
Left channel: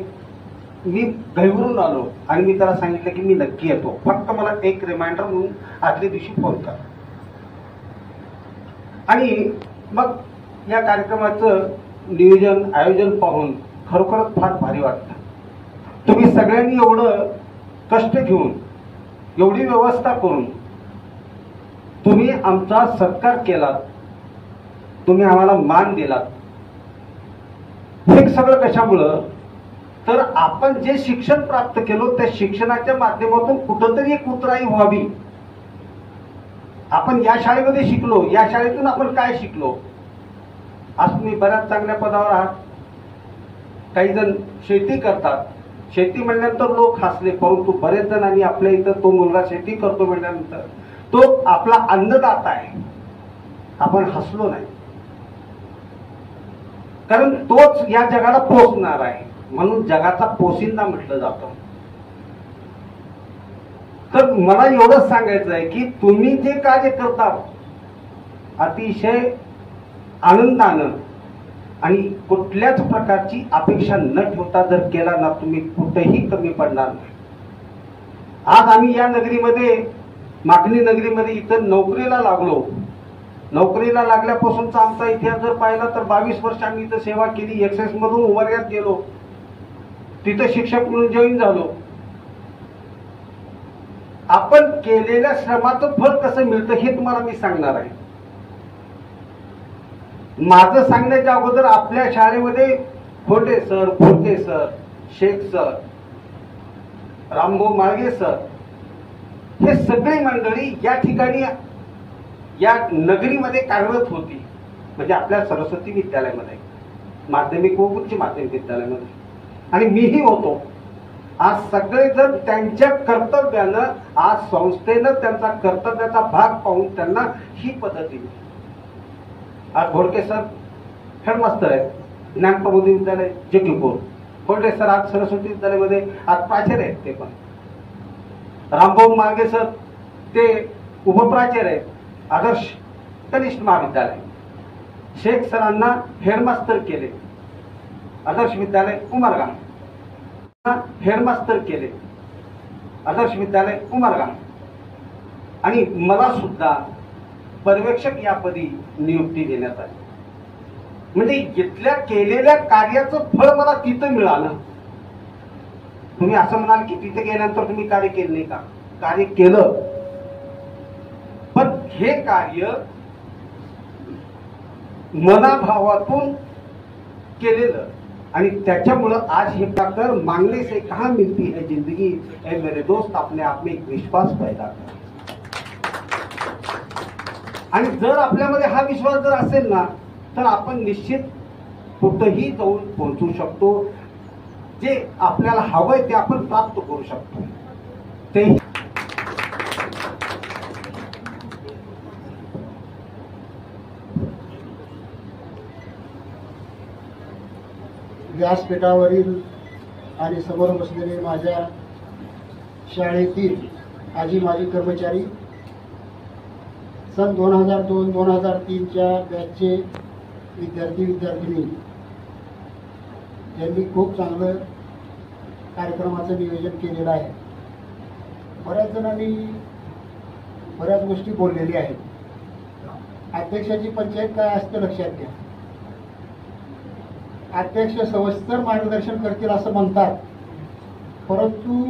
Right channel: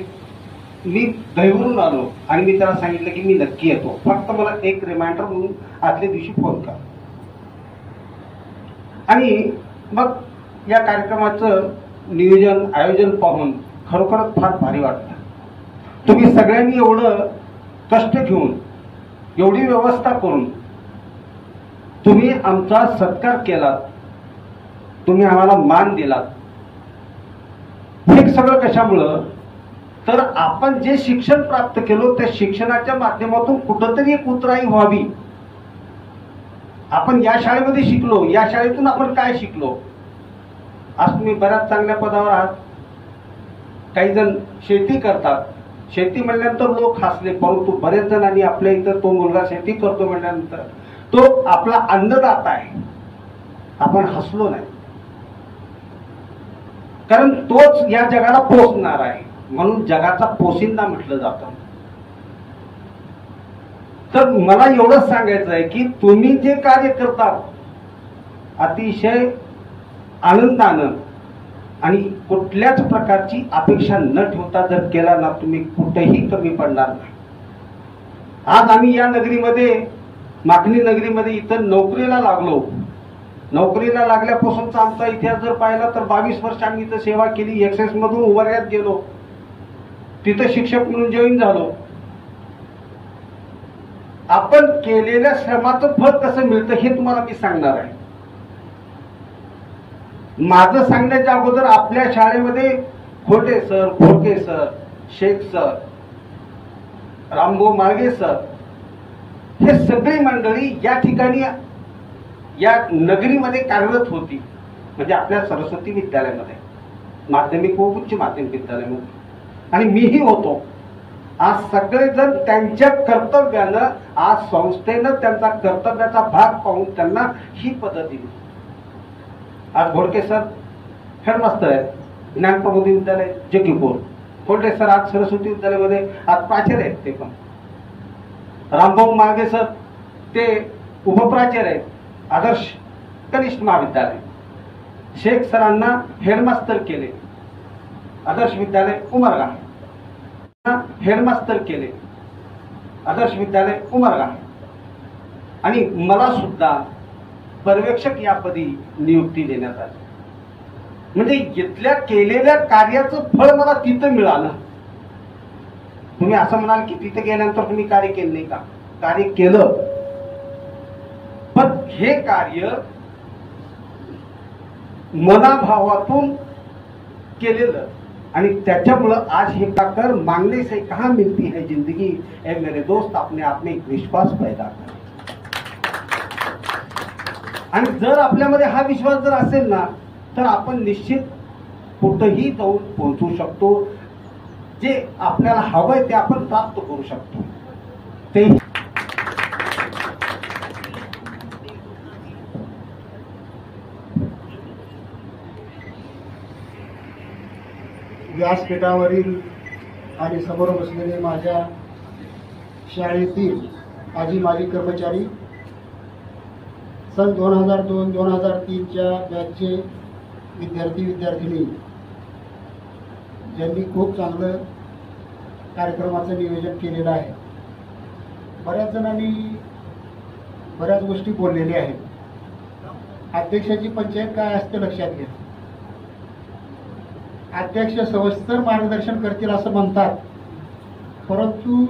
मी घाईवरून आलो आणि मी त्याला सांगितलं की मी नक्की येतो, फक्त मला एक रिमाइंडर म्हणून आदल्या दिवशी फोन करा. आणि मग या कार्यक्रमाचं नियोजन, आयोजन पाहून खरोखरच फार भारी वाटतं. तुम्ही सगळ्यांनी एवढं कष्ट घेऊन, एवढी व्यवस्था करून तुम्ही आमचा सत्कार केलात, तुम्ही आम्हाला मान दिलात. हे सगळं कशामुळं, तर आपण जे शिक्षण प्राप्त केलो त्या शिक्षणाच्या माध्यमातून कुठंतरी एक उतराई व्हावी. आपण या शाळेमध्ये शिकलो, या शाळेतून आपण काय शिकलो. आज तुम्ही बऱ्याच चांगल्या पदावर आहात. काही जण शेती करतात, शेती म्हणल्यानंतर लोक हसले, परंतु बरेच जणांनी आपल्या इथं तो मुलगा शेती करतो म्हणल्यानंतर तो आपला अन्नदाता आहे, आपण हसलो नाही. कारण तोच या जगाला पोसणार आहे, म्हणून जगाचा पोशिंदा म्हटलं जातं. तर मला एवढंच सांगायचं आहे की तुम्ही जे कार्य करता अतिशय आनंदानं आणि कुठल्याच प्रकारची अपेक्षा न ठेवता जर केला ना, तुम्ही कुठेही कमी पडणार नाही. आज आम्ही या नगरीमध्ये, मागणी नगरीमध्ये इथं नोकरीला लागलो. नोकरीला लागल्यापासूनचा आमचा इतिहास जर पाहिला तर 22 वर्ष आम्ही इथं सेवा केली. एक्सेस मधून उभारण्यात गेलो, तिथं शिक्षक म्हणून जॉईन झालो. आपण केलेल्या श्रमाचं फळ कसं मिळतं हे तुम्हाला मी सांगणार आहे. माझं सांगण्याच्या अगोदर आपल्या शाळेमध्ये Khote sir, Khodke sir, Shaikh sir, Rambhau Malge sir, हे सगळी मंडळी या ठिकाणी या नगरीमध्ये कार्यरत होती, म्हणजे आपल्या सरस्वती विद्यालयामध्ये, माध्यमिक व उच्च माध्यमिक विद्यालयामध्ये, आणि मीही होतो. आज सगळेजण त्यांच्या कर्तव्यानं, आज संस्थेनं त्यांचा कर्तव्याचा भाग पाहून त्यांना ही पदं दिली. आज घोडके सर हेडमास्टर आहेत ज्ञान प्रबोधी विद्यालय जगीपूर. घोडके सर आज सरस्वती विद्यालयामध्ये आज प्राचार्य आहेत. ते पण रामभाऊ मांगे सर ते उपप्राचार्य आहेत आदर्श कनिष्ठ महाविद्यालय. शेख सरांना हेडमास्टर केले आदर्श विद्यालय उमरगा, हेडमास्टर केले आदर्श विद्यालय उमरगा, आणि मला सुद्धा पर्यवेक्षक या पदी नियुक्ती देण्यात आली. म्हणजे इथल्या केलेल्या कार्याचं फळ मला तिथं मिळालं. तुम्ही असं म्हणाल की तिथे गेल्यानंतर तुम्ही कार्य केलं नाही का? कार्य केलं, पण हे कार्य मनाभावातून केलेलं, आणि त्याच्यामुळं आज हे प्रकार मांगने से कहां मिलती है जिंदगी, ए मेरे दोस्त अपने आप में एक विश्वास पैदा कर. आणि जर आपल्यामध्ये हा विश्वास जर असेल ना, तर आपण निश्चित कुठंही जाऊन पोहोचू शकतो. जे आपल्याला हवंय ते आपण प्राप्त करू शकतो. ते व्यासपीठावरील आणि समोर बसलेले माझ्या शाळेतील आजी माजी कर्मचारी, सन 2002-2003च्या बॅचचे विद्यार्थी विद्यार्थिनी, ज्यांनी खूप चांगलं कार्यक्रमाचं नियोजन केलेलं आहे. बऱ्याच जणांनी बऱ्याच गोष्टी बोललेल्या आहेत. अध्यक्षाची पंचायत काय असते लक्षात घ्या. अध्यक्ष सविस्तर मार्गदर्शन करतील असं म्हणतात, परंतु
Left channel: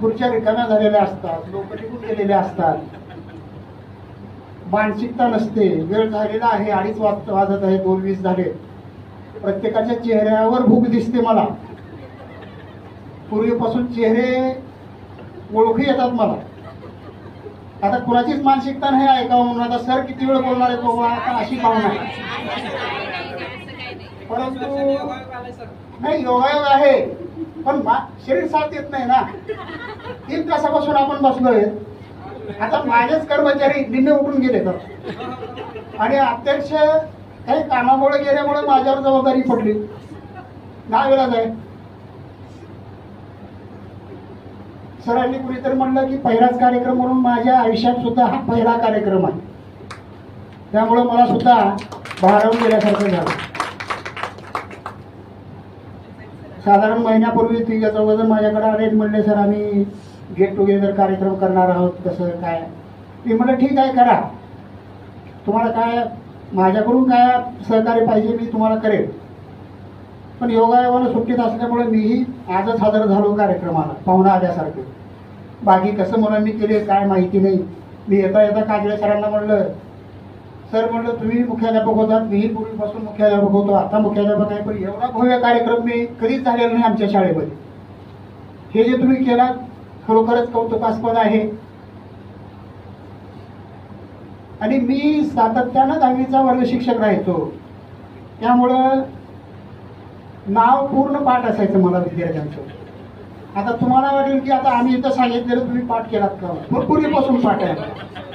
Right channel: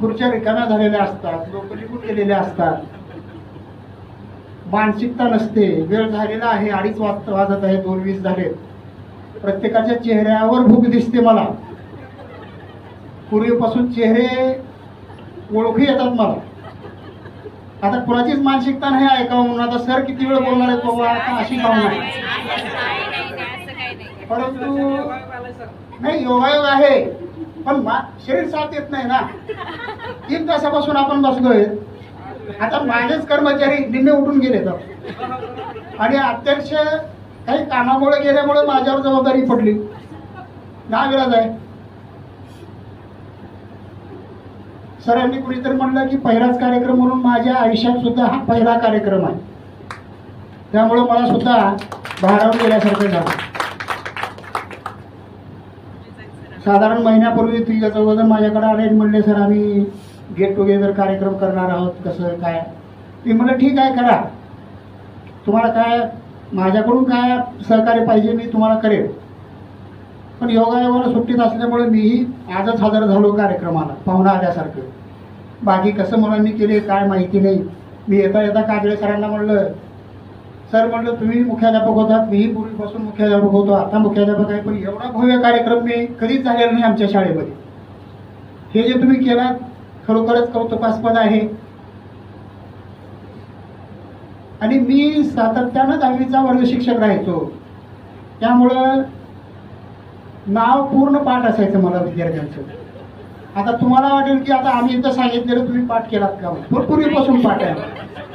खुर्च्या रिकाम्या झालेल्या असतात, लोक निघून गेलेले असतात, मानसिकता नसते. वेळ झालेला आहे, 2:30 वाजत आहे, 2:20 झाले. प्रत्येकाच्या चेहऱ्यावर भूक दिसते मला. पूर्वीपासून चेहरे ओळखू येतात मला. आता कुणाचीच मानसिकता नाही ऐकावं म्हणून आता सर किती वेळ बोलणार आहे बाबा, आता अशी भावना आहे. परंतु नाही, योगायोग आहे, पण शरीर साथ येत नाही ना. 3 तासापासून आपण बसलोय. आता माझेच कर्मचारी निम्मे उठून गेले आणि अध्यक्ष काही कामामुळे गेल्यामुळे माझ्यावर जबाबदारी पडली. नाविलाज आहे. सरांनी कुणीतरी म्हणलं की पहिलाच कार्यक्रम म्हणून माझ्या आयुष्यात सुद्धा हा पहिला कार्यक्रम आहे. त्यामुळे मला सुद्धा भारावून गेल्यासारखं झालं. साधारण महिन्यापूर्वी तिघ चौघजण माझ्याकडे आले, म्हणले सर आम्ही गेट टुगेदर कार्यक्रम करणार आहोत, कसं काय. मी म्हणलं ठीक आहे करा, तुम्हाला काय माझ्याकडून काय सहकार्य पाहिजे मी तुम्हाला करेन. पण योगायोगाला सुट्टीत असल्यामुळे मीही आजच हजर झालो कार्यक्रमाला पाहुणा आल्यासारखं. बाकी कसं म्हणून मी केले काय माहिती नाही. मी येता येता काजळे सरांना म्हणलं, सर म्हणलं तुम्ही मुख्याध्यापक होतात, मीही पूर्वीपासून मुख्याध्यापक होतो, आता मुख्याध्यापक आहे, पण एवढा भव्य कार्यक्रम मी कधीच झालेला नाही आमच्या शाळेमध्ये. हे जे तुम्ही केलात खरोखरच कौतुकास्पद आहे. आणि मी सातत्यानं 10वीचा वर्ग शिक्षक राहायचो, त्यामुळं नाव पूर्ण पाठ असायचं मला विद्यार्थ्यांचं. आता तुम्हाला वाटेल की आता आम्ही इथं सांगितलेलं तुम्ही पाठ केलात का, पूर्वीपासून पाठ आहे,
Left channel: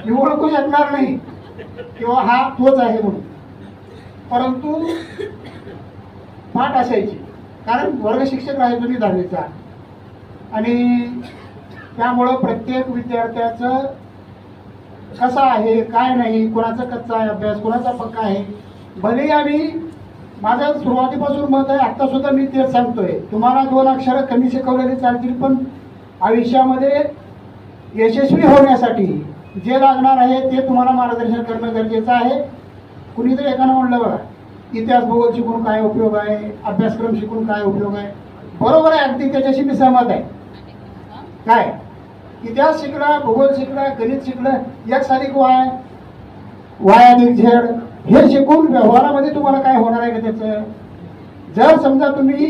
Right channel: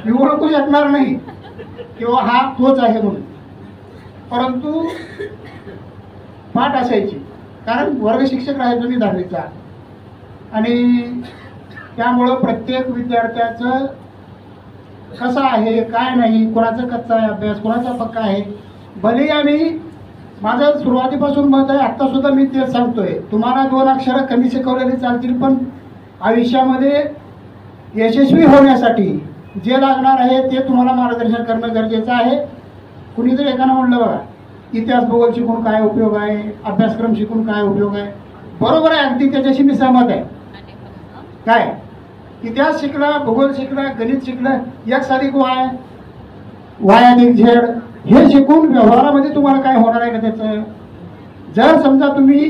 मी ओळखू शकणार नाही किंवा हा तोच आहे म्हणून, परंतु पाठ असायची. कारण वर्ग शिक्षक राहायचो मी 10वीचा. आणि त्यामुळं प्रत्येक विद्यार्थ्याचं कसं आहे काय नाही, कोणाचा कच्चा आहे अभ्यास, कोणाचा पक्का आहे. भले आम्ही माझं सुरुवातीपासून मत आहे, आता सुद्धा मी तेच सांगतोय, तुम्हाला 2 अक्षरं कमी शिकवलेली चालतील, पण आयुष्यामध्ये यशस्वी होण्यासाठी जे लागणार आहे ते तुम्हाला मार्गदर्शन करणं गरजेचं आहे. कुणीतरी एकानं म्हणलं बघा, इतिहास भूगोल शिकून काय उपयोग आहे, अभ्यासक्रम शिकून काय उपयोग आहे. बरोबर आहे, अगदी त्याच्याशी मी सहमत आहे. काय इतिहास शिकला, भूगोल शिकला, गणित शिकलं, Y+Z हे शिकून व्यवहारामध्ये तुम्हाला काय होणार आहे का त्याचं. जर समजा तुम्ही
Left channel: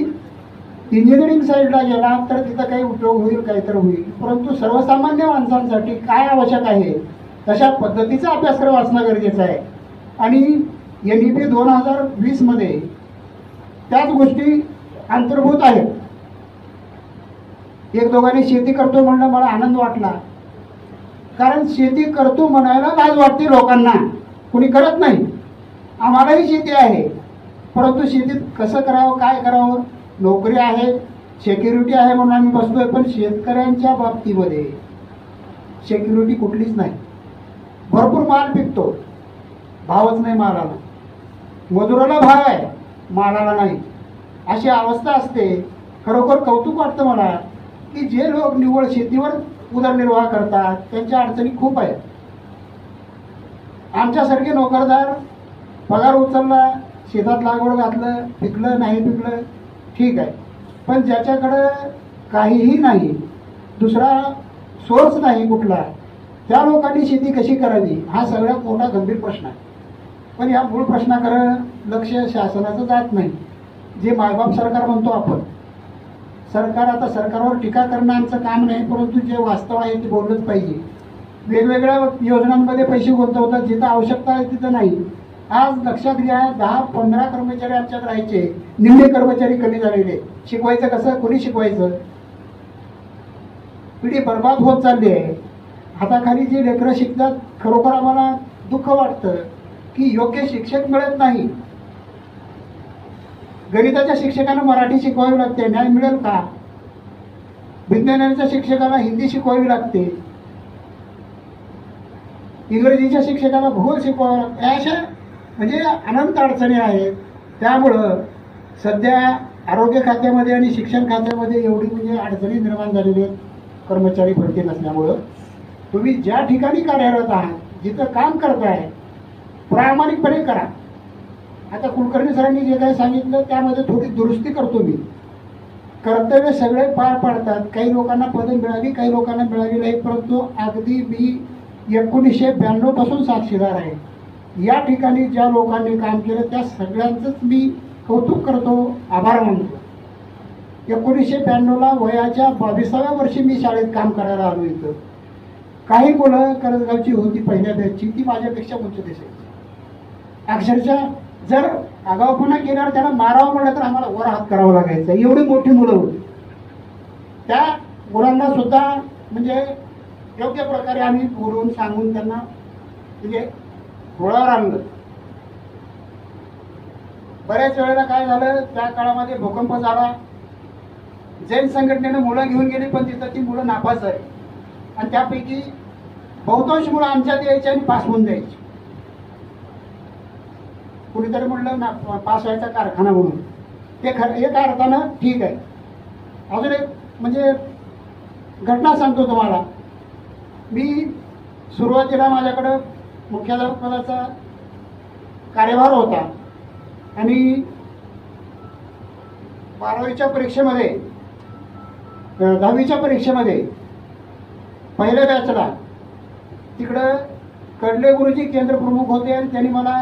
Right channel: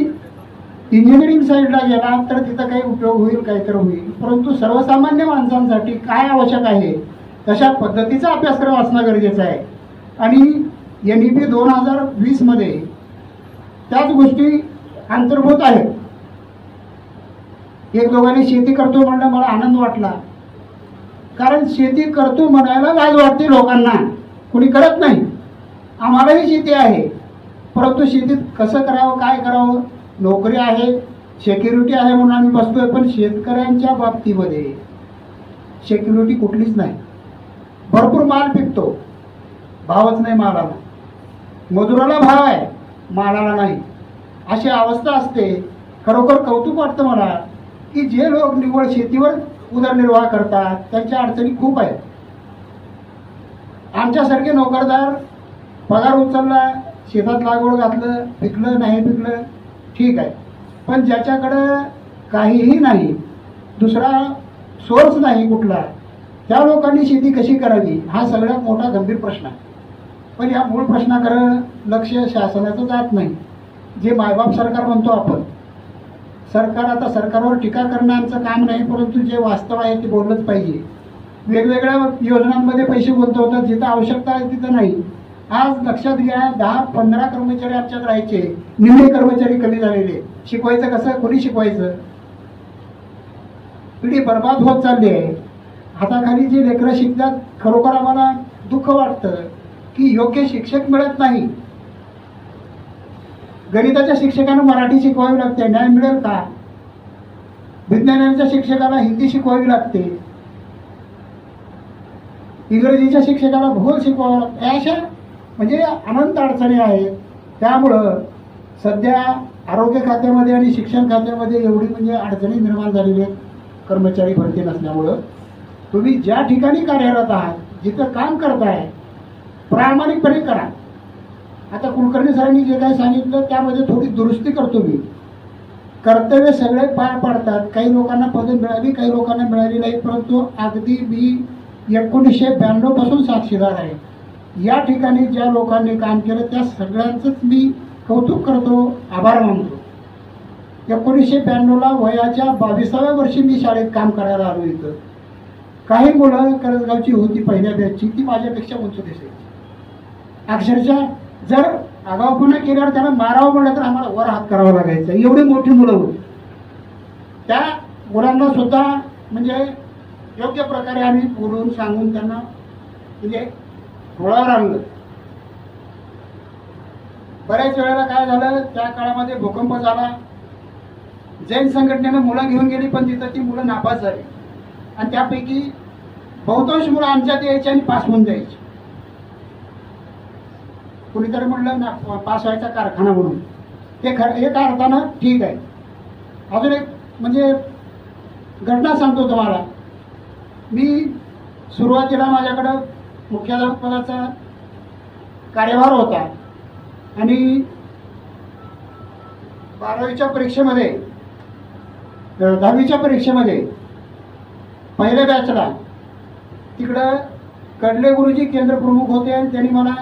इंजिनिअरिंग साईडला गेला तर तिथं काही उपयोग होईल, काहीतरी होईल, परंतु सर्वसामान्य माणसांसाठी काय आवश्यक आहे तशा पद्धतीचा अभ्यासक्रम असणं गरजेचं आहे. आणि NEP 2020 मध्ये त्याच गोष्टी अंतर्भूत आहेत. एक दोघांनी शेती करतो म्हणलं, मला आनंद वाटला, कारण शेती करतो म्हणायला लाज वाटते लोकांना, कुणी करत नाही. आम्हालाही शेती आहे, परंतु शेतीत कसं करावं, काय करावं, नोकरी आहे, सिक्युरिटी आहे म्हणून आम्ही बसतोय, पण शेतकऱ्यांच्या बाबतीमध्ये सिक्युरिटी कुठलीच नाही. भरपूर माल पिकतो, भावच नाही मालाला, मजुराला भाव आहे, मालाला नाही, अशी अवस्था असते. खरोखर कौतुक वाटतं मला की जे लोक निव्वळ शेतीवर उदरनिर्वाह करतात त्यांच्या अडचणी खूप आहेत. आमच्यासारखे नोकरदार पगार उचलला, शेतात लागवड घातलं, पिकलं नाही पिकलं ठीक आहे, पण ज्याच्याकडं काहीही नाही, दुसरा सोर्स नाही कुठला, त्या लोकांनी शेती कशी करावी हा सगळ्यात मोठा गंभीर प्रश्न आहे. पण या मूळ प्रश्नाकडे लक्ष शासनाचं जात नाही. जे मायबाप सरकार म्हणतो आपण, सरकार, आता सरकारवर टीका करणं आमचं काम नाही, परंतु जे वास्तव आहे ते बोललंच पाहिजे. वेगवेगळ्या योजनांमध्ये पैसे गुंतवतात, जिथं आवश्यकता आहे तिथं नाही. आज लक्षात घ्या, 10-15 कर्मचारी आमच्यात राहायचे, निम्मे कर्मचारी कमी झालेले. शिकवायचं कसं, कोणी शिकवायचं? पिढी बर्बाद होत चालली आहे. हाताखाली जे लेकरं शिकतात, खरोखर आम्हाला दुःख वाटतं की योग्य शिक्षक मिळत नाही. गणिताच्या शिक्षकांना मराठी शिकवावी लागते, न्याय मिळेल का? विज्ञानाच्या शिक्षकाला हिंदी शिकवावी लागते, इंग्रजीच्या शिक्षकाला भूगोल शिकवावं लागते. अशा म्हणजे अनंत अडचणी आहेत. त्यामुळं सध्या आरोग्य खात्यामध्ये आणि शिक्षण खात्यामध्ये एवढी म्हणजे अडचणी निर्माण झालेली आहेत कर्मचारी भरती नसल्यामुळं. तुम्ही ज्या ठिकाणी कार्यरत आहात, जिथं काम करताय, प्रामाणिकपणे करा. आता कुलकर्णी सरांनी जे काही सांगितलं त्यामध्ये थोडी दुरुस्ती करतो मी. कर्तव्य सगळे पार पाडतात, काही लोकांना पदं मिळाली, काही लोकांना मिळाली नाही, परंतु अगदी मी 1992 पासून साक्षीदार आहे. या ठिकाणी ज्या लोकांनी काम केलं त्या सगळ्यांचंच मी कौतुक करतो, आभार मानतो. 1992ला वयाच्या 22व्या वर्षी मी शाळेत काम करायला आलो इथं. काही मुलं करंजगावची होती पहिल्या बॅचची, ती माझ्यापेक्षा उंच दिसायची. अक्षरशः जर आगाऊपणा केल्यावर त्यांना मारावं म्हणलं तर आम्हाला वर हात करावा लागायचा, एवढी मोठी मुलं होती. त्या मुलांना सुद्धा म्हणजे योग्य प्रकारे आम्ही बोलून सांगून त्यांना म्हणजे रुळावर आणलं. बऱ्याच वेळेला काय झालं, त्या काळामध्ये भूकंप झाला, जैन संघटनेनं मुलं घेऊन गेली, पण तिथं ती मुलं नापास झाली आणि त्यापैकी बहुतांश मुलं आमच्यात यायची आणि पास होऊन जायची. कुणीतरी म्हणलं ना पास व्हायचा कारखाना म्हणून, ते खरं एका अर्थानं ठीक आहे. अजून एक म्हणजे घटना सांगतो तुम्हाला. मी सुरुवातीला माझ्याकडं मुख्याध्यापकाचा कार्यभार होता आणि 12वीच्या परीक्षेमध्ये 10वीच्या परीक्षेमध्ये पहिल्या बॅचला तिकडं कडले गुरुजी केंद्र प्रमुख होते आणि त्यांनी मला